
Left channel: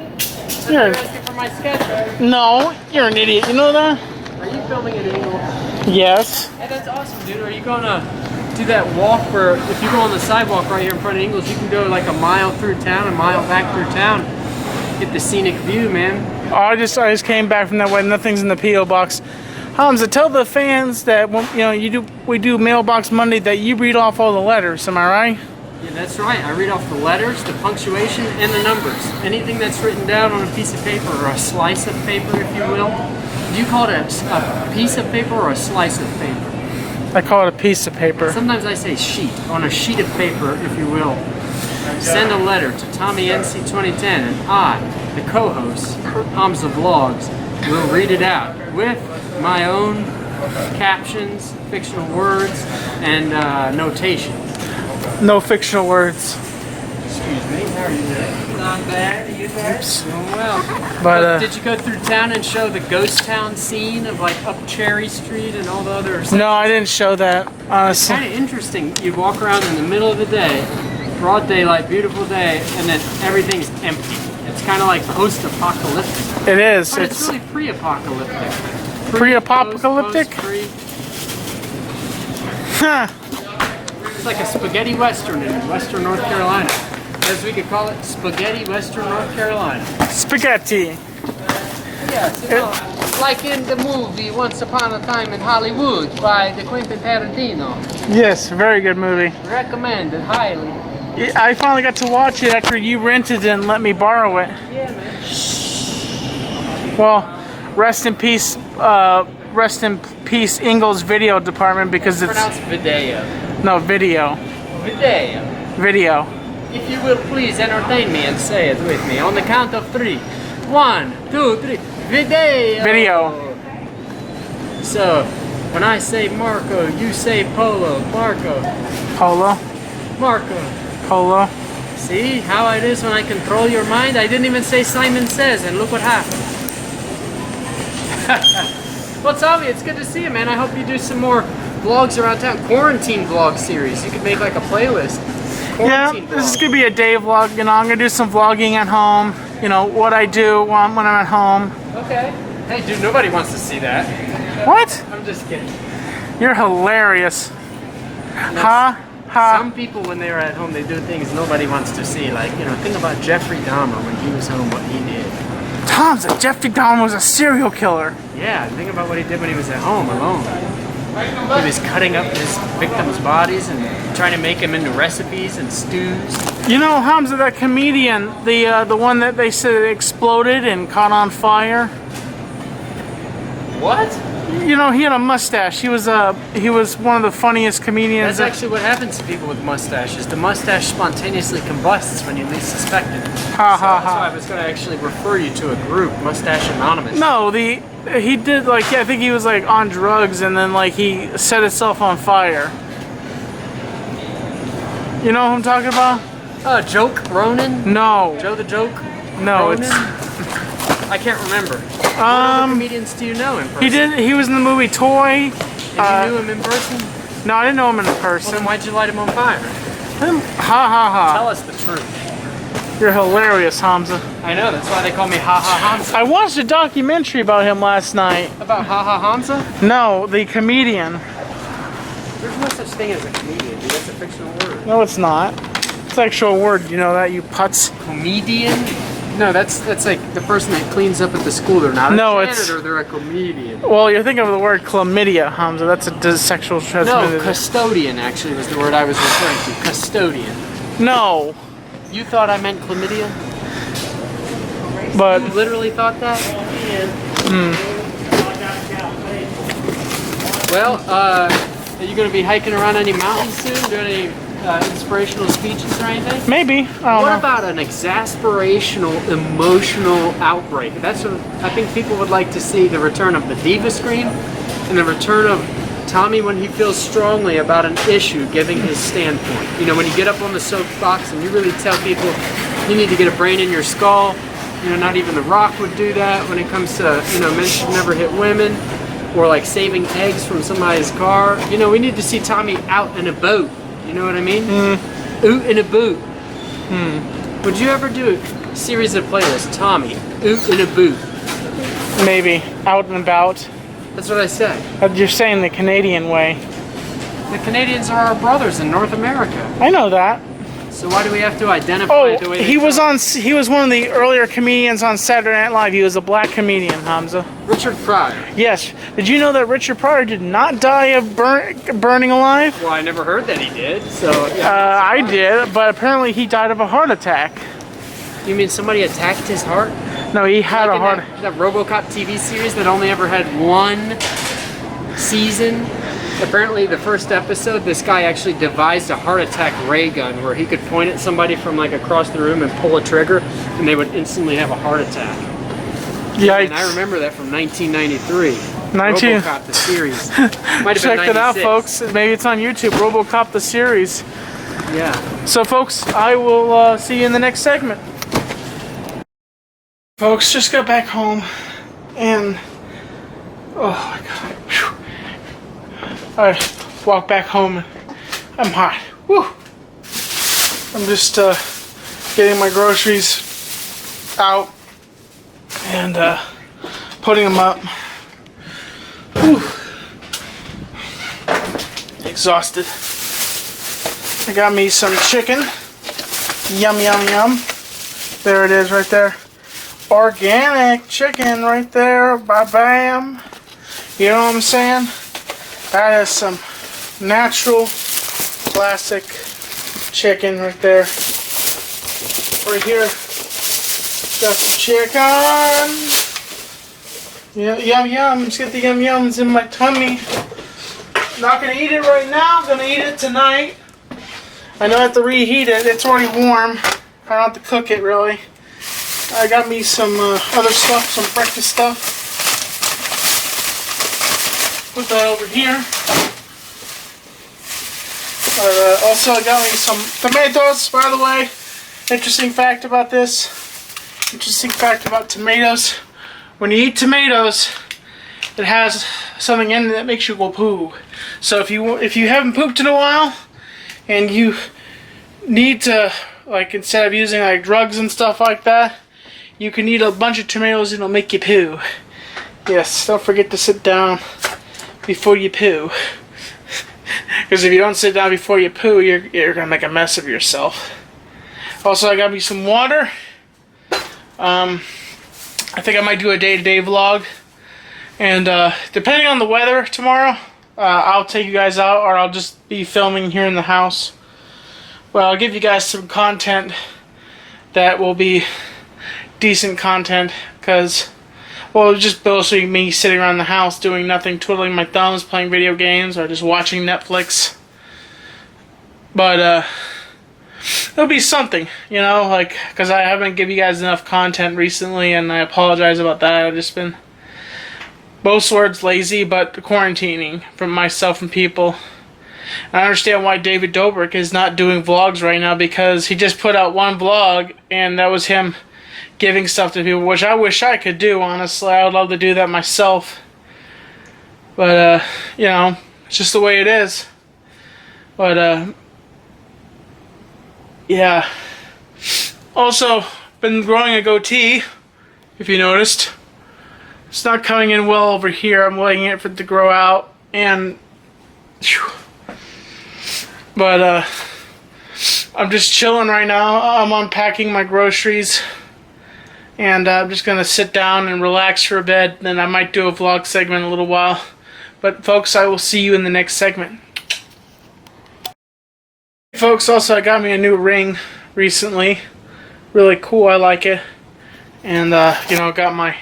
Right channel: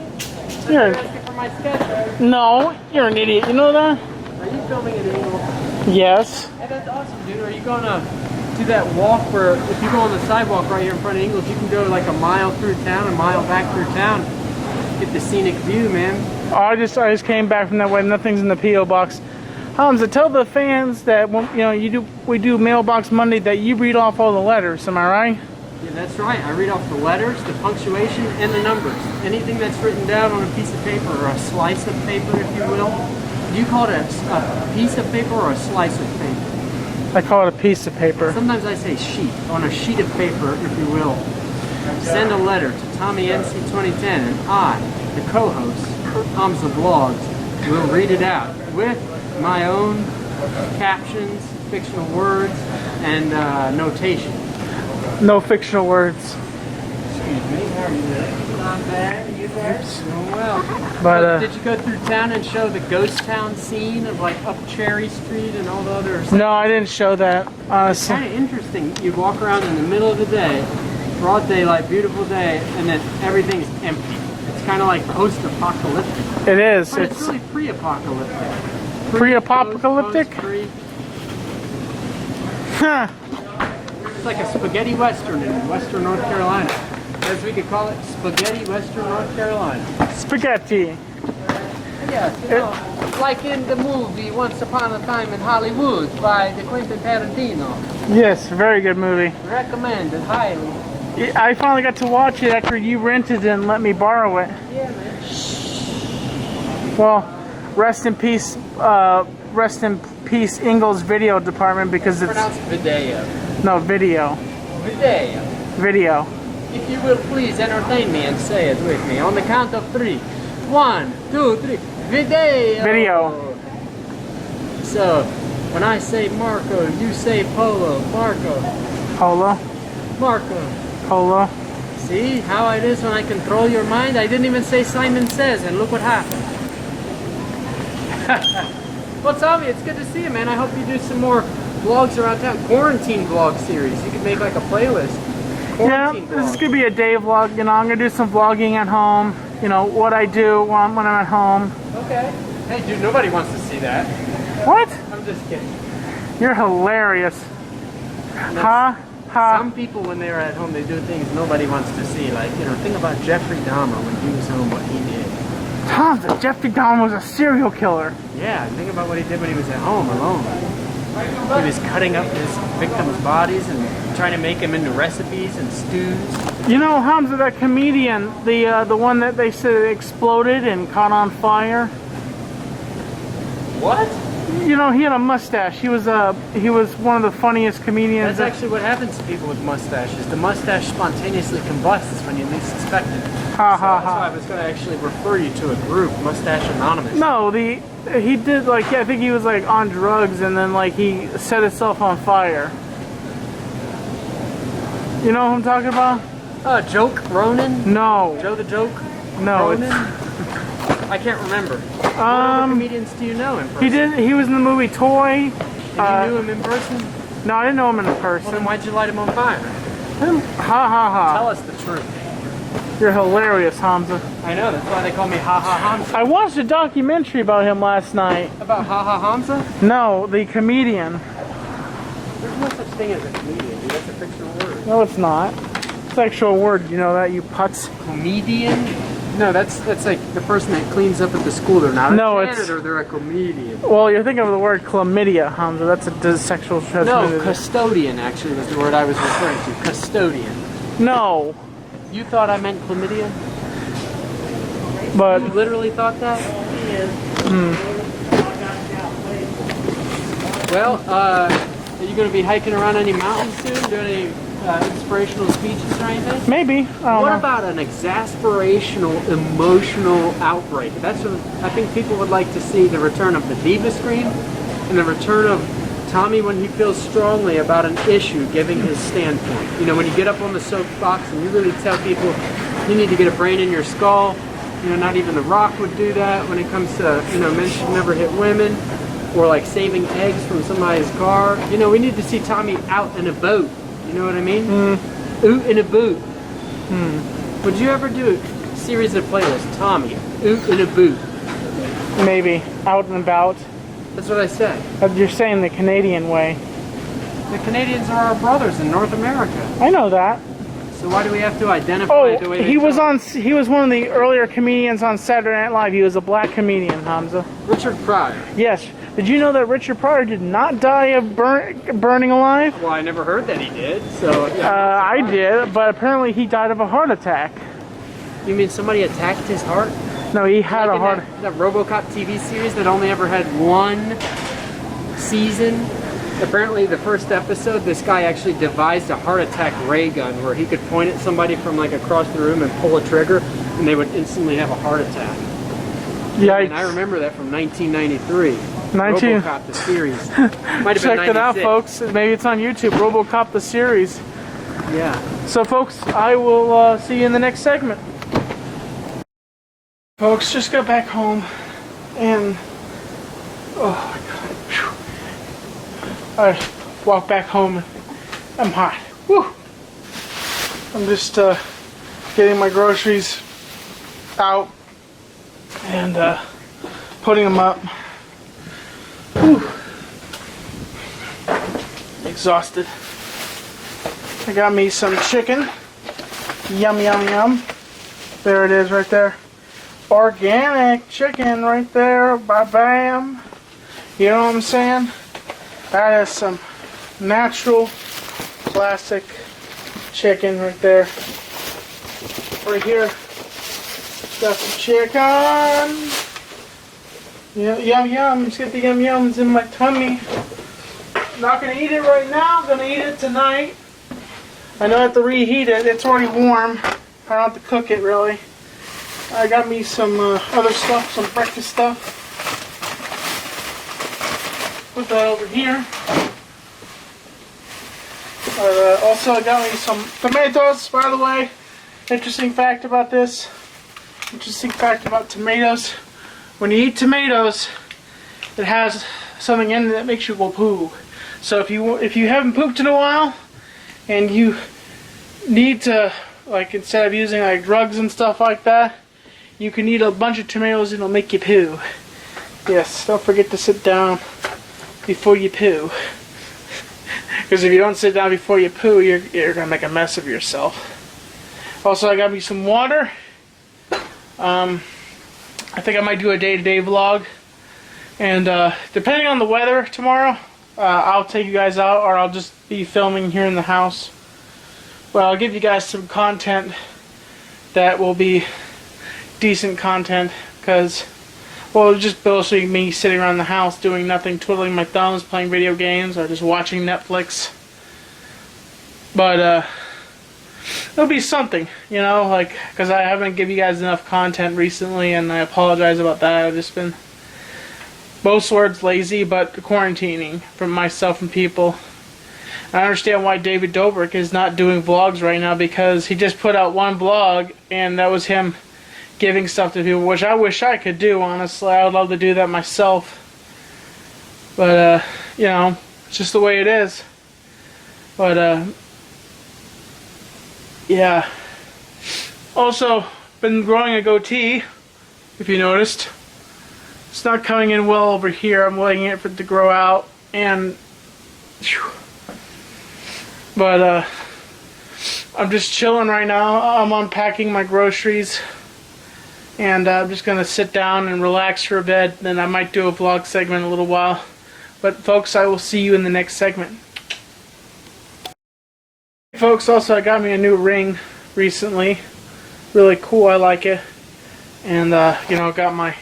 You're You're asking for my schedule. no, you're an idiot. You know that? Are you filming at Eagle? Yes. Hey, that's awesome, dude. Are you gonna do that walk where if you go on the sidewalk right here in front of Ingles, you can go like a mile through town, a mile back through town, get the scenic view, man. Oh, I just came back from that way. Nothing's in the P.O. box. Hamza, tell the fans that we do Mailbox Monday that you read off all the letters. Am I right? Yeah, that's right. I read off the letters, the punctuation, and the numbers. Anything that's written down on a piece of paper or a slice of paper, if you will. Do you call it a piece of paper or a slice of paper? I call it a piece of paper. Sometimes I say sheet. On a sheet of paper, if you will. Send a letter to Tommy NC2010, and I, the co-host, Hamza Vlogs, will read it out with my own captions, fictional words, and notation. No fictional words. Excuse me, how are you doing? Not bad, you guys? Doing well. But did you go through town and show the ghost town scene of like up Cherry Street and all the other no, I didn't show that. It's Honestly. kind of interesting. You walk around in the middle of the day, broad daylight, beautiful day, and then everything's empty. It's kind of like post-apocalyptic. It is. But it's really pre-apocalyptic. Pre-apocalyptic? Pre. Huh. It's like a spaghetti western in western North Carolina. As we could call it, spaghetti western North Carolina. Spaghetti. Yes, you know, like in the movie Once Upon a Time in Hollywood by the Quentin Tarantino. Yes, very good movie. Recommended highly. I finally got to watch it after you rented it and let me borrow it. Yeah, man. Well, rest in peace, Ingles video department because it's Pronounced video. no video. Video. Video. If you will please entertain me and say it with me on the count of 3. 1, 2, 3. Video. Video. So, when I say Marco, you say Polo. Marco. Polo. Marco. Polo. See how it is when I control your mind? I didn't even say Simon Says, and look what happened. Well, Tommy, it's good to see you, man. I hope you do some more vlogs around town. Quarantine vlog series. You could make like a playlist. Yeah, Quarantine this is vlog. gonna be a day vlog. You know, I'm gonna do some vlogging at home. You know what I do when I'm at home. Okay. Hey, dude, nobody wants to see that. What? I'm just kidding. You're hilarious. Ha ha. Some people, when they're at home, they do things nobody wants to see. Like, you know, think about Jeffrey Dahmer when he was home, what he did. Hamza, Jeffrey Dahmer was a serial killer. Yeah, think about what he did when he was at home alone. He was cutting up his victims' bodies and trying to make them into recipes and stews. You know, Hamza, that comedian, the one that they said exploded and caught on fire. What? You know, he had a mustache. He was one of the funniest comedians. That's actually what happens to people with mustaches. The mustache spontaneously combusts when you least suspect it. Ha So ha that's why ha. I was going to actually refer you to a group, Mustache Anonymous. No, he did like, I think he was like on drugs and then like he set himself on fire. You know who I'm talking about? Joke Ronan? No. Joe the Joke? No, Ronan? it's I can't remember. What other comedians do you know in person? he was in the movie Toy. And you knew him in person? No, I didn't know him in Well, then person. why'd you light him on fire? Ha ha Tell ha. us the truth. You're hilarious, Hamza. I know, that's why they call me Ha Ha Hamza. I watched a documentary about him last night. About Ha Ha Hamza? No, the comedian. There's no such thing as a comedian, dude. That's a fictional word. No, it's not. It's an actual word. You know that, you putz. Comedian? No, that's like the person that cleans up at the school. They're not a No, janitor, they're a comedian. Well, you're thinking of the word chlamydia, Hamza. That's a sexual No, transmitted. custodian actually was the word I was referring to. Custodian. No, You thought I meant chlamydia? but You literally thought that? Well, are you going to be hiking around any mountains soon? Doing any inspirational speeches or anything? maybe. I don't What know. about an exasperational, emotional outbreak? That's what I think people would like to see: the return of the diva scream and the return of Tommy when he feels strongly about an issue, giving his standpoint. You know, when you get up on the soapbox and you really tell people you need to get a brain in your skull. You know, not even The Rock would do that when it comes to, you know, men should never hit women, or like saving eggs from somebody's car. You know, we need to see Tommy out in a boat. You know what I mean? Oot in a boot. Would you ever do a series of playlists? Tommy, oot in a boot. Maybe out and about. That's what I said. You're saying the Canadian way. The Canadians are our brothers in North America. I know that. So why do we have to identify Oh, the way they he was talk? he was one of the earlier comedians on Saturday Night Live. He was a black comedian, Hamza. Richard Pryor. Yes. Did you know that Richard Pryor did not die of burning alive? Well, I never heard that he did. So I did, but apparently he died of a heart attack. you mean somebody attacked his heart? No, he had Like a in heart. that RoboCop TV series that only ever had one season. Apparently, the first episode, this guy actually devised a heart attack ray gun where he could point at somebody from like across the room and pull a trigger, and they would instantly have a heart attack. Yikes. And I remember that from 1993. 19 RoboCop the series. Might have been Check it out, 96. folks. Maybe it's on YouTube. RoboCop the series. Yeah. So, folks, I will see you in the next segment. Folks, just got back home, and oh my God. Whew. I walked back home. I'm hot. Woo. I'm just getting my groceries out and putting them up. Whew. Exhausted. I got me some chicken. Yum, yum, yum. There it is right there. Organic chicken right there. Bam. You know what I'm saying? That is some natural classic chicken right there. Right here. Got some chicken. Yeah, yum yum. Let's get the yum yums in my tummy. Not gonna eat it right now. Gonna eat it tonight. I know I have to reheat it. It's already warm. I don't have to cook it really. I got me some other stuff, some breakfast stuff. Put that over here. Also, I got me some tomatoes, by the way. Interesting fact about this. Interesting fact about tomatoes. When you eat tomatoes, it has something in it that makes you go poo. So if you haven't pooped in a while, and you need to, like, instead of using like drugs and stuff like that, you can eat a bunch of tomatoes and it'll make you poo. Yes, don't forget to sit down before you poo. Because if you don't sit down before you poo, you're gonna make a mess of yourself. Also, I got me some water. I think I might do a day-to-day vlog. And depending on the weather tomorrow, I'll take you guys out, or I'll just be filming here in the house. Well, I'll give you guys some content that will be decent content, because, well, it'll just mostly me sitting around the house doing nothing, twiddling my thumbs, playing video games, or just watching Netflix. But it'll be something, you know, like, because I haven't given you guys enough content recently, and I apologize about that. I've just been, most words, lazy, but quarantining from myself and people. I understand why David Dobrik is not doing vlogs right now, because he just put out one vlog, and that was him giving stuff to people, which I wish I could do, honestly. I would love to do that myself. But, you know, it's just the way it is. But, yeah. Also, been growing a goatee, if you noticed. It's not coming in well over here. I'm waiting for it to grow out, and... Whew. But, I'm just chilling right now. I'm unpacking my groceries. And I'm just going to sit down and relax for a bit. Then I might do a vlog segment in a little while. But, folks, I will see you in the next segment. Folks, also, I got me a new ring recently. Really cool. I like it. And, you know, I got my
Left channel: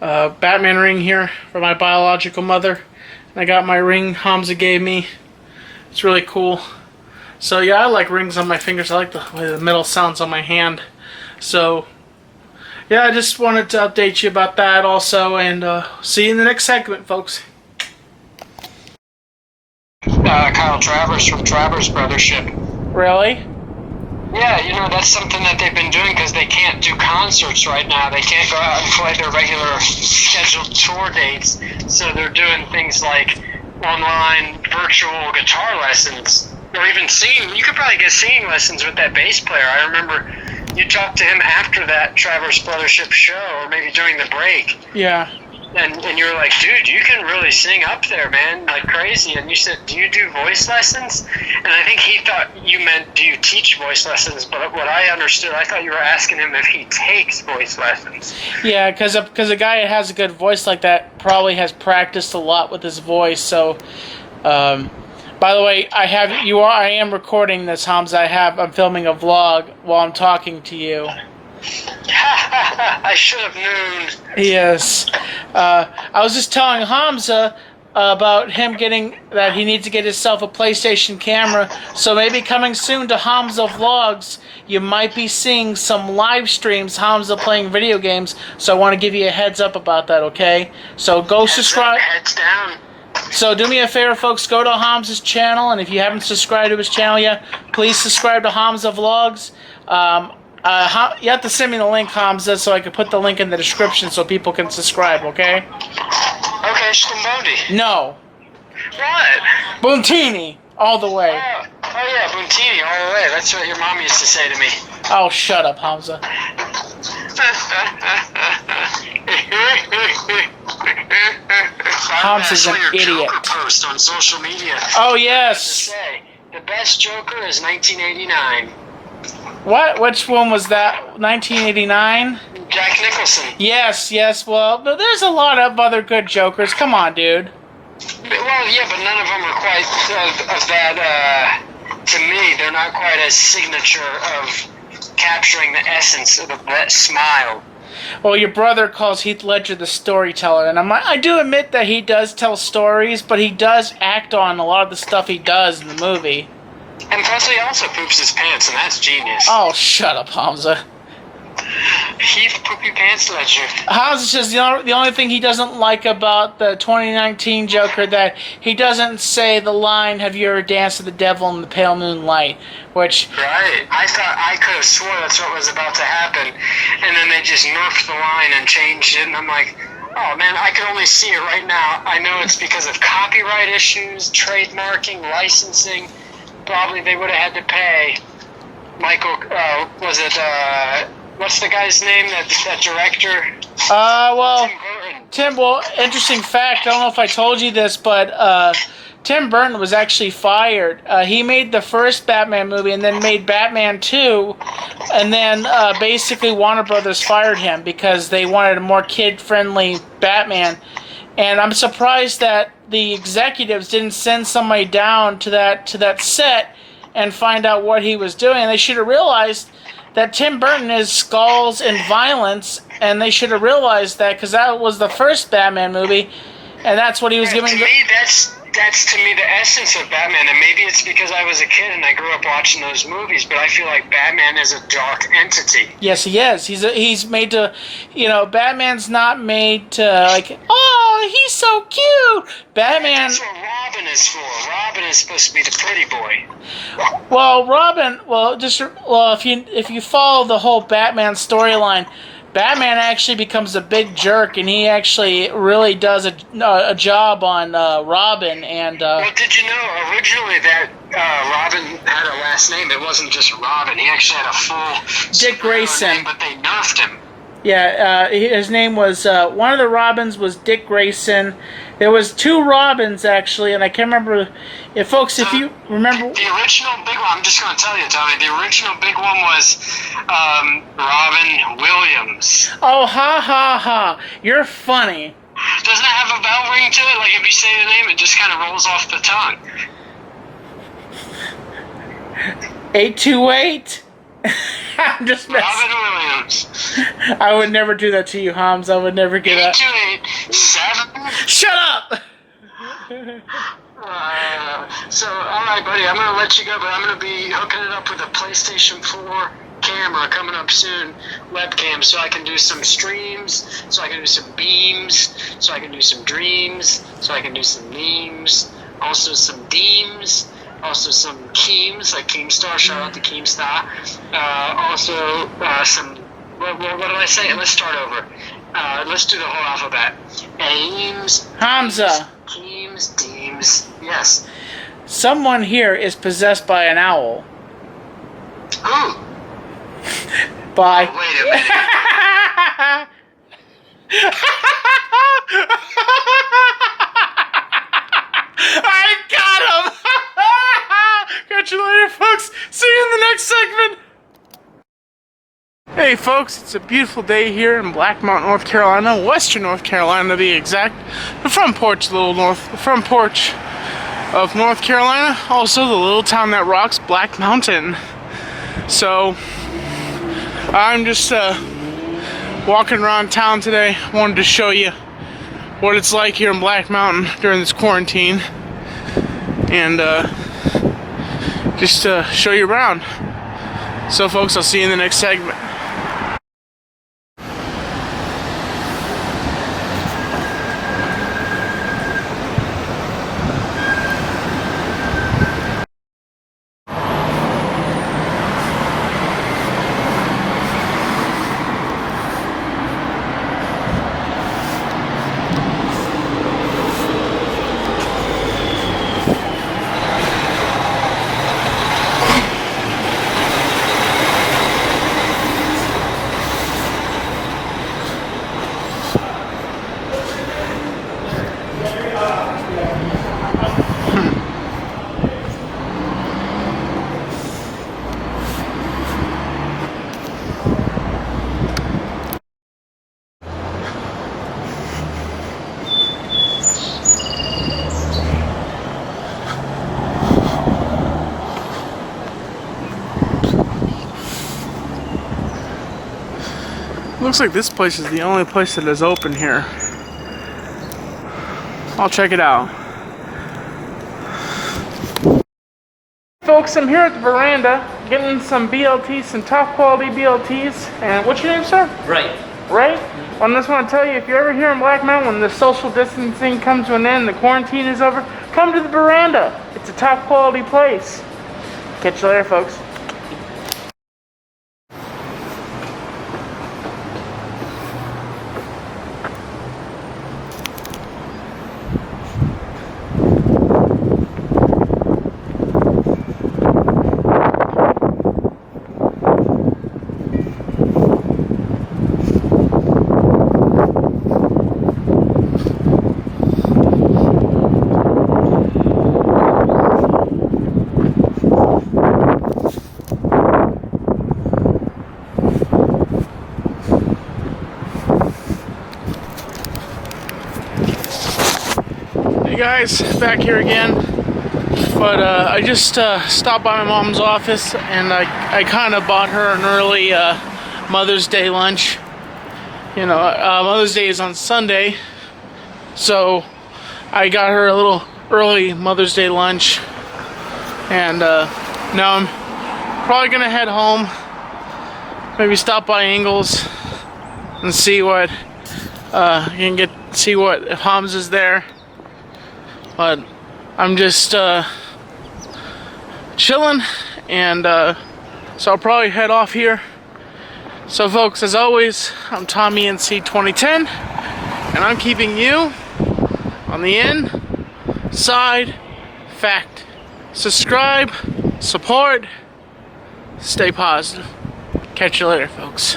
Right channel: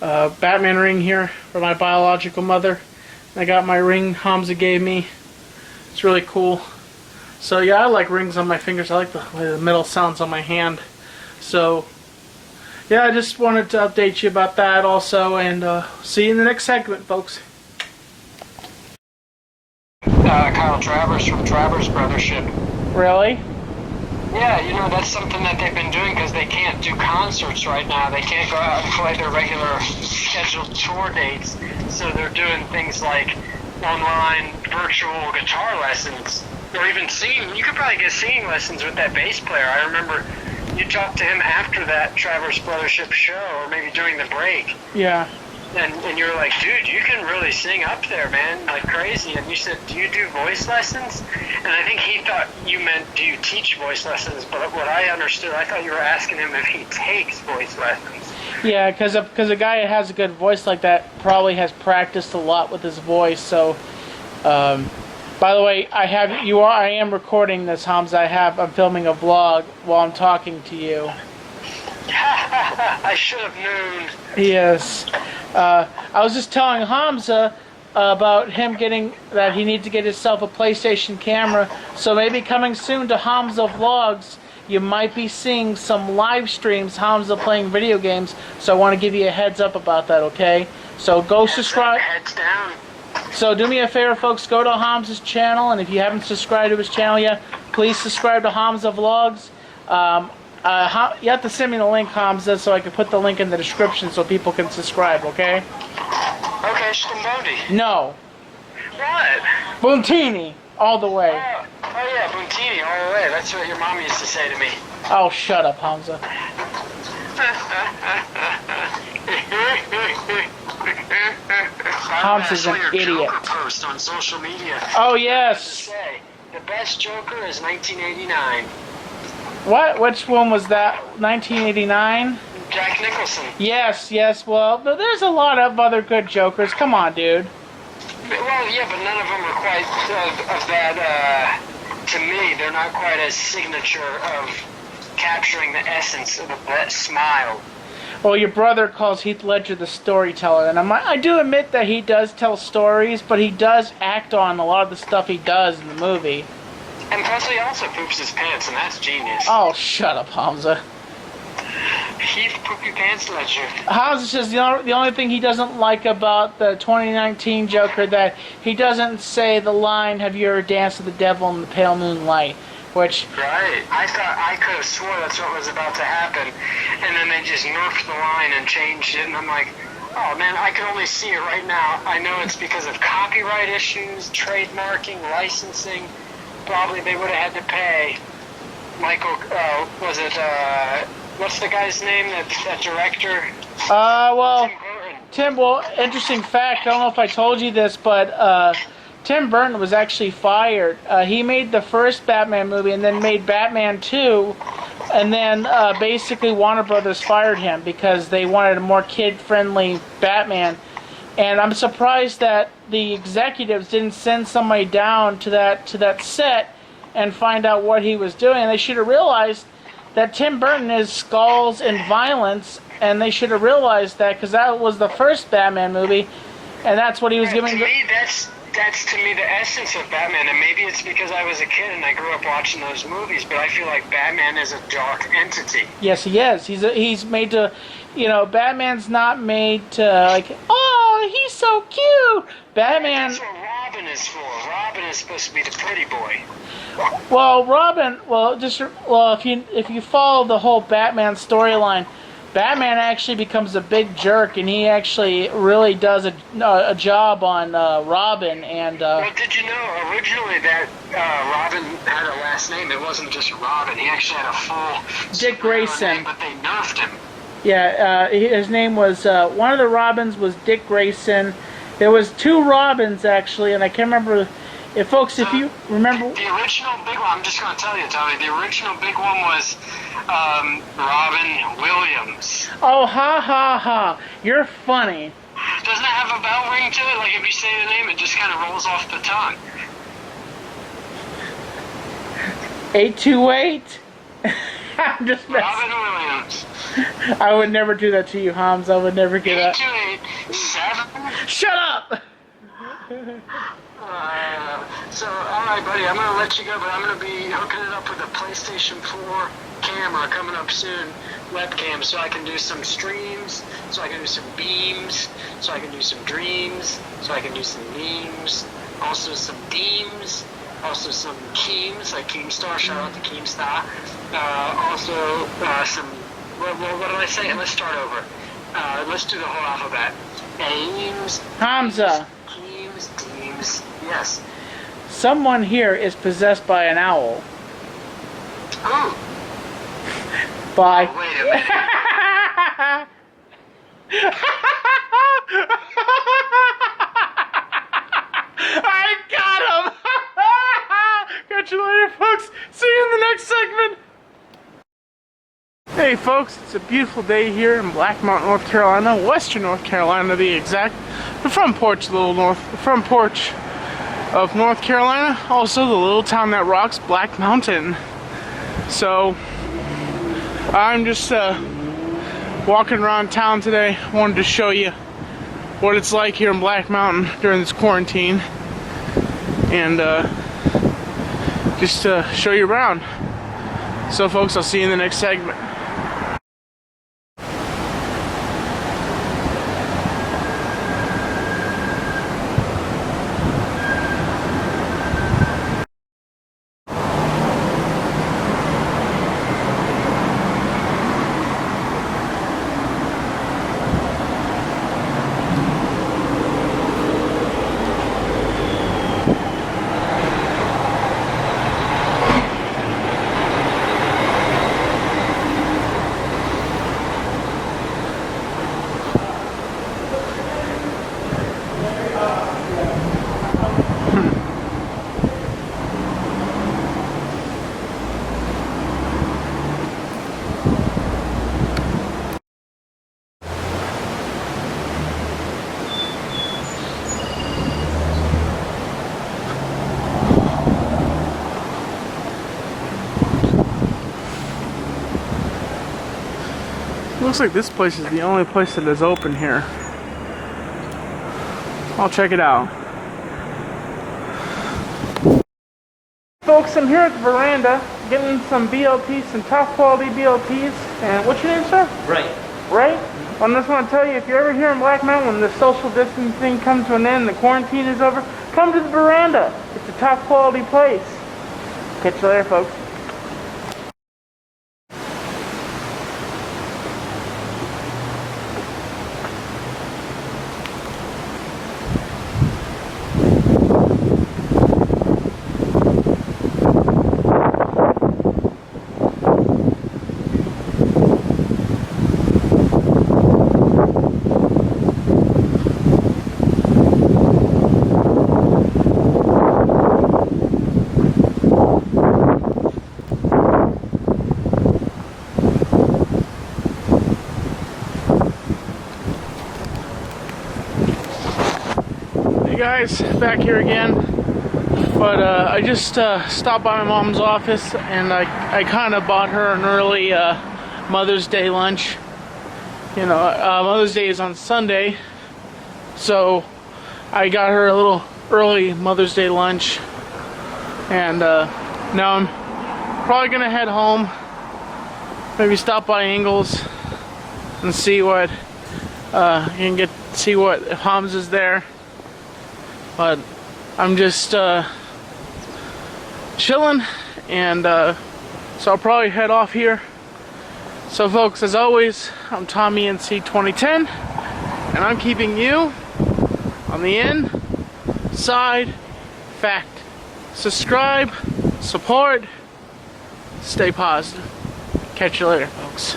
Batman ring here for my biological mother. And I got my ring Hamza gave me. It's really cool. So yeah, I like rings on my fingers. I like the way the metal sounds on my hand. So yeah, I just wanted to update you about that also, and see you in the next segment, folks. Kyle Travers from Travers Brothership. Really? Yeah, you know, that's something that they've been doing because they can't do concerts right now. They can't go out and play their regular scheduled tour dates. So they're doing things like online virtual guitar lessons, or even singing. You could probably get singing lessons with that bass player. I remember you talked to him after that Travers Brothership show, or maybe during the break. Yeah. And you were like, dude, you can really sing up there, man, like crazy. And you said, do you do voice lessons? And I think he thought you meant, do you teach voice lessons? But what I understood, I thought you were asking him if he takes voice lessons. Yeah, because a guy that has a good voice like that probably has practiced a lot with his voice. So, by the way, I am recording this, Hamza. I'm filming a vlog while I'm talking to you. I should have known. Yes. I was just telling Hamza about him that he needs to get himself a PlayStation camera. So maybe coming soon to Hamza Vlogs, you might be seeing some live streams, Hamza playing video games. So I want to give you a heads up about that, okay? So go subscribe. Heads down. So do me a favor, folks. Go to Hamza's channel, and if you haven't subscribed to his channel yet, please subscribe to Hamza Vlogs. You have to send me the link, Hamza, so I can put the link in the description so people can subscribe, okay? Okay, Stambondi. No. What? Buntini, all the way. Oh yeah, Buntini, all the way. That's what your mom used to say to me. Oh, shut up, Hamza. Hamza's an idiot. Joker post on social media. Oh, yes. The best Joker is 1989. What? Which one was that? 1989? Jack Nicholson. Yes. Well, there's a lot of other good Jokers. Come on, dude. Well, yeah, but none of them are quite of that, to me, they're not quite as signature of capturing the essence of that smile. Well, your brother calls Heath Ledger the storyteller, and I do admit that he does tell stories, but he does act on a lot of the stuff he does in the movie. And plus he also poops his pants, and that's genius. Oh, shut up, Hamza. Heath Poopy Pants Ledger. Hamza says the only thing he doesn't like about the 2019 Joker, that he doesn't say the line, "Have you ever danced with the devil in the pale moonlight?" Which... Right. I could have swore that's what was about to happen, and then they just nerfed the line and changed it, and I'm like, oh man, I can only see it right now. I know it's because of copyright issues, trademarking, licensing. Probably they would have had to pay Michael, what's the guy's name, that director? Well, Tim Burton. Interesting fact, I don't know if I told you this, but Tim Burton was actually fired. He made the first Batman movie and then made Batman 2, and then basically Warner Brothers fired him because they wanted a more kid-friendly Batman. And I'm surprised that the executives didn't send somebody down to that set and find out what he was doing. They should have realized that Tim Burton is skulls and violence, and they should have realized that because that was the first Batman movie, and that's what he was Yeah, giving. to me, that's to me the essence of Batman, and maybe it's because I was a kid and I grew up watching those movies, but I feel like Batman is a dark entity. Yes, he is. He's made to, Batman's not made to like. Oh, he's so cute. Batman. That's what Robin is for. Robin is supposed to be the pretty boy. Well, Robin. If you follow the whole Batman storyline, Batman actually becomes a big jerk, and he actually really does a job on Robin. And well, did you know originally that Robin had a last name? It wasn't just Robin. He actually had a full Dick Grayson. name, but they nerfed him. Yeah, his name was one of the Robins was Dick Grayson. There was 2 Robins actually, and I can't remember. If you remember, the original big one, I'm just going to tell you, Tommy. The original big one was Robin Williams. Oh, ha ha ha! You're funny. Doesn't it have a bell ring to it? Like if you say the name, it just kind of rolls off the tongue. 828. I'm just messing. Robin Williams. I would never do that to you, Hamza. I would never get up. 828-7. Shut up! So, alright, buddy, I'm going to let you go, but I'm going to be hooking it up with a PlayStation 4 camera coming up soon, webcam, so I can do some streams, so I can do some beams, so I can do some dreams, so I can do some memes, also some deems, also some Keems, like Keemstar, shout out to Keemstar, also some, what did I say? Let's start over. Let's do the whole alphabet. Ames, Hamza. Keems, deems, yes. Someone here is possessed by an owl. Who? By. Oh, wait a minute. I got him! Catch you later, folks. See you in the next segment. Hey, folks, it's a beautiful day here in Black Mountain, North Carolina, Western North Carolina to be exact. The front porch, the front porch of North Carolina. Also, the little town that rocks, Black Mountain. So, I'm just walking around town today. Wanted to show you what it's like here in Black Mountain during this quarantine, and just to show you around. So, folks, I'll see you in the next segment. Looks like this place is the only place that is open here. I'll check it out. Folks, I'm here at the veranda getting some BLTs, some top quality BLTs. And what's your name, sir? Right. Ray? I just want to tell you, if you're ever here in Black Mountain, when the social distancing comes to an end, the quarantine is over, come to the veranda. It's a top quality place. Catch you later, folks. guys, back here again. But I just stopped by my mom's office and I kind of bought her an early Mother's Day lunch. You know, Mother's Day is on Sunday, so I got her a little early Mother's Day lunch. And now I'm probably gonna head home, maybe stop by Ingles and see what if Hamza's there. But I'm just chilling, and so I'll probably head off here. So folks, as always, I'm Tommy NC 2010, and I'm keeping you on the inside fact. Subscribe, support, stay positive. Catch you later, folks.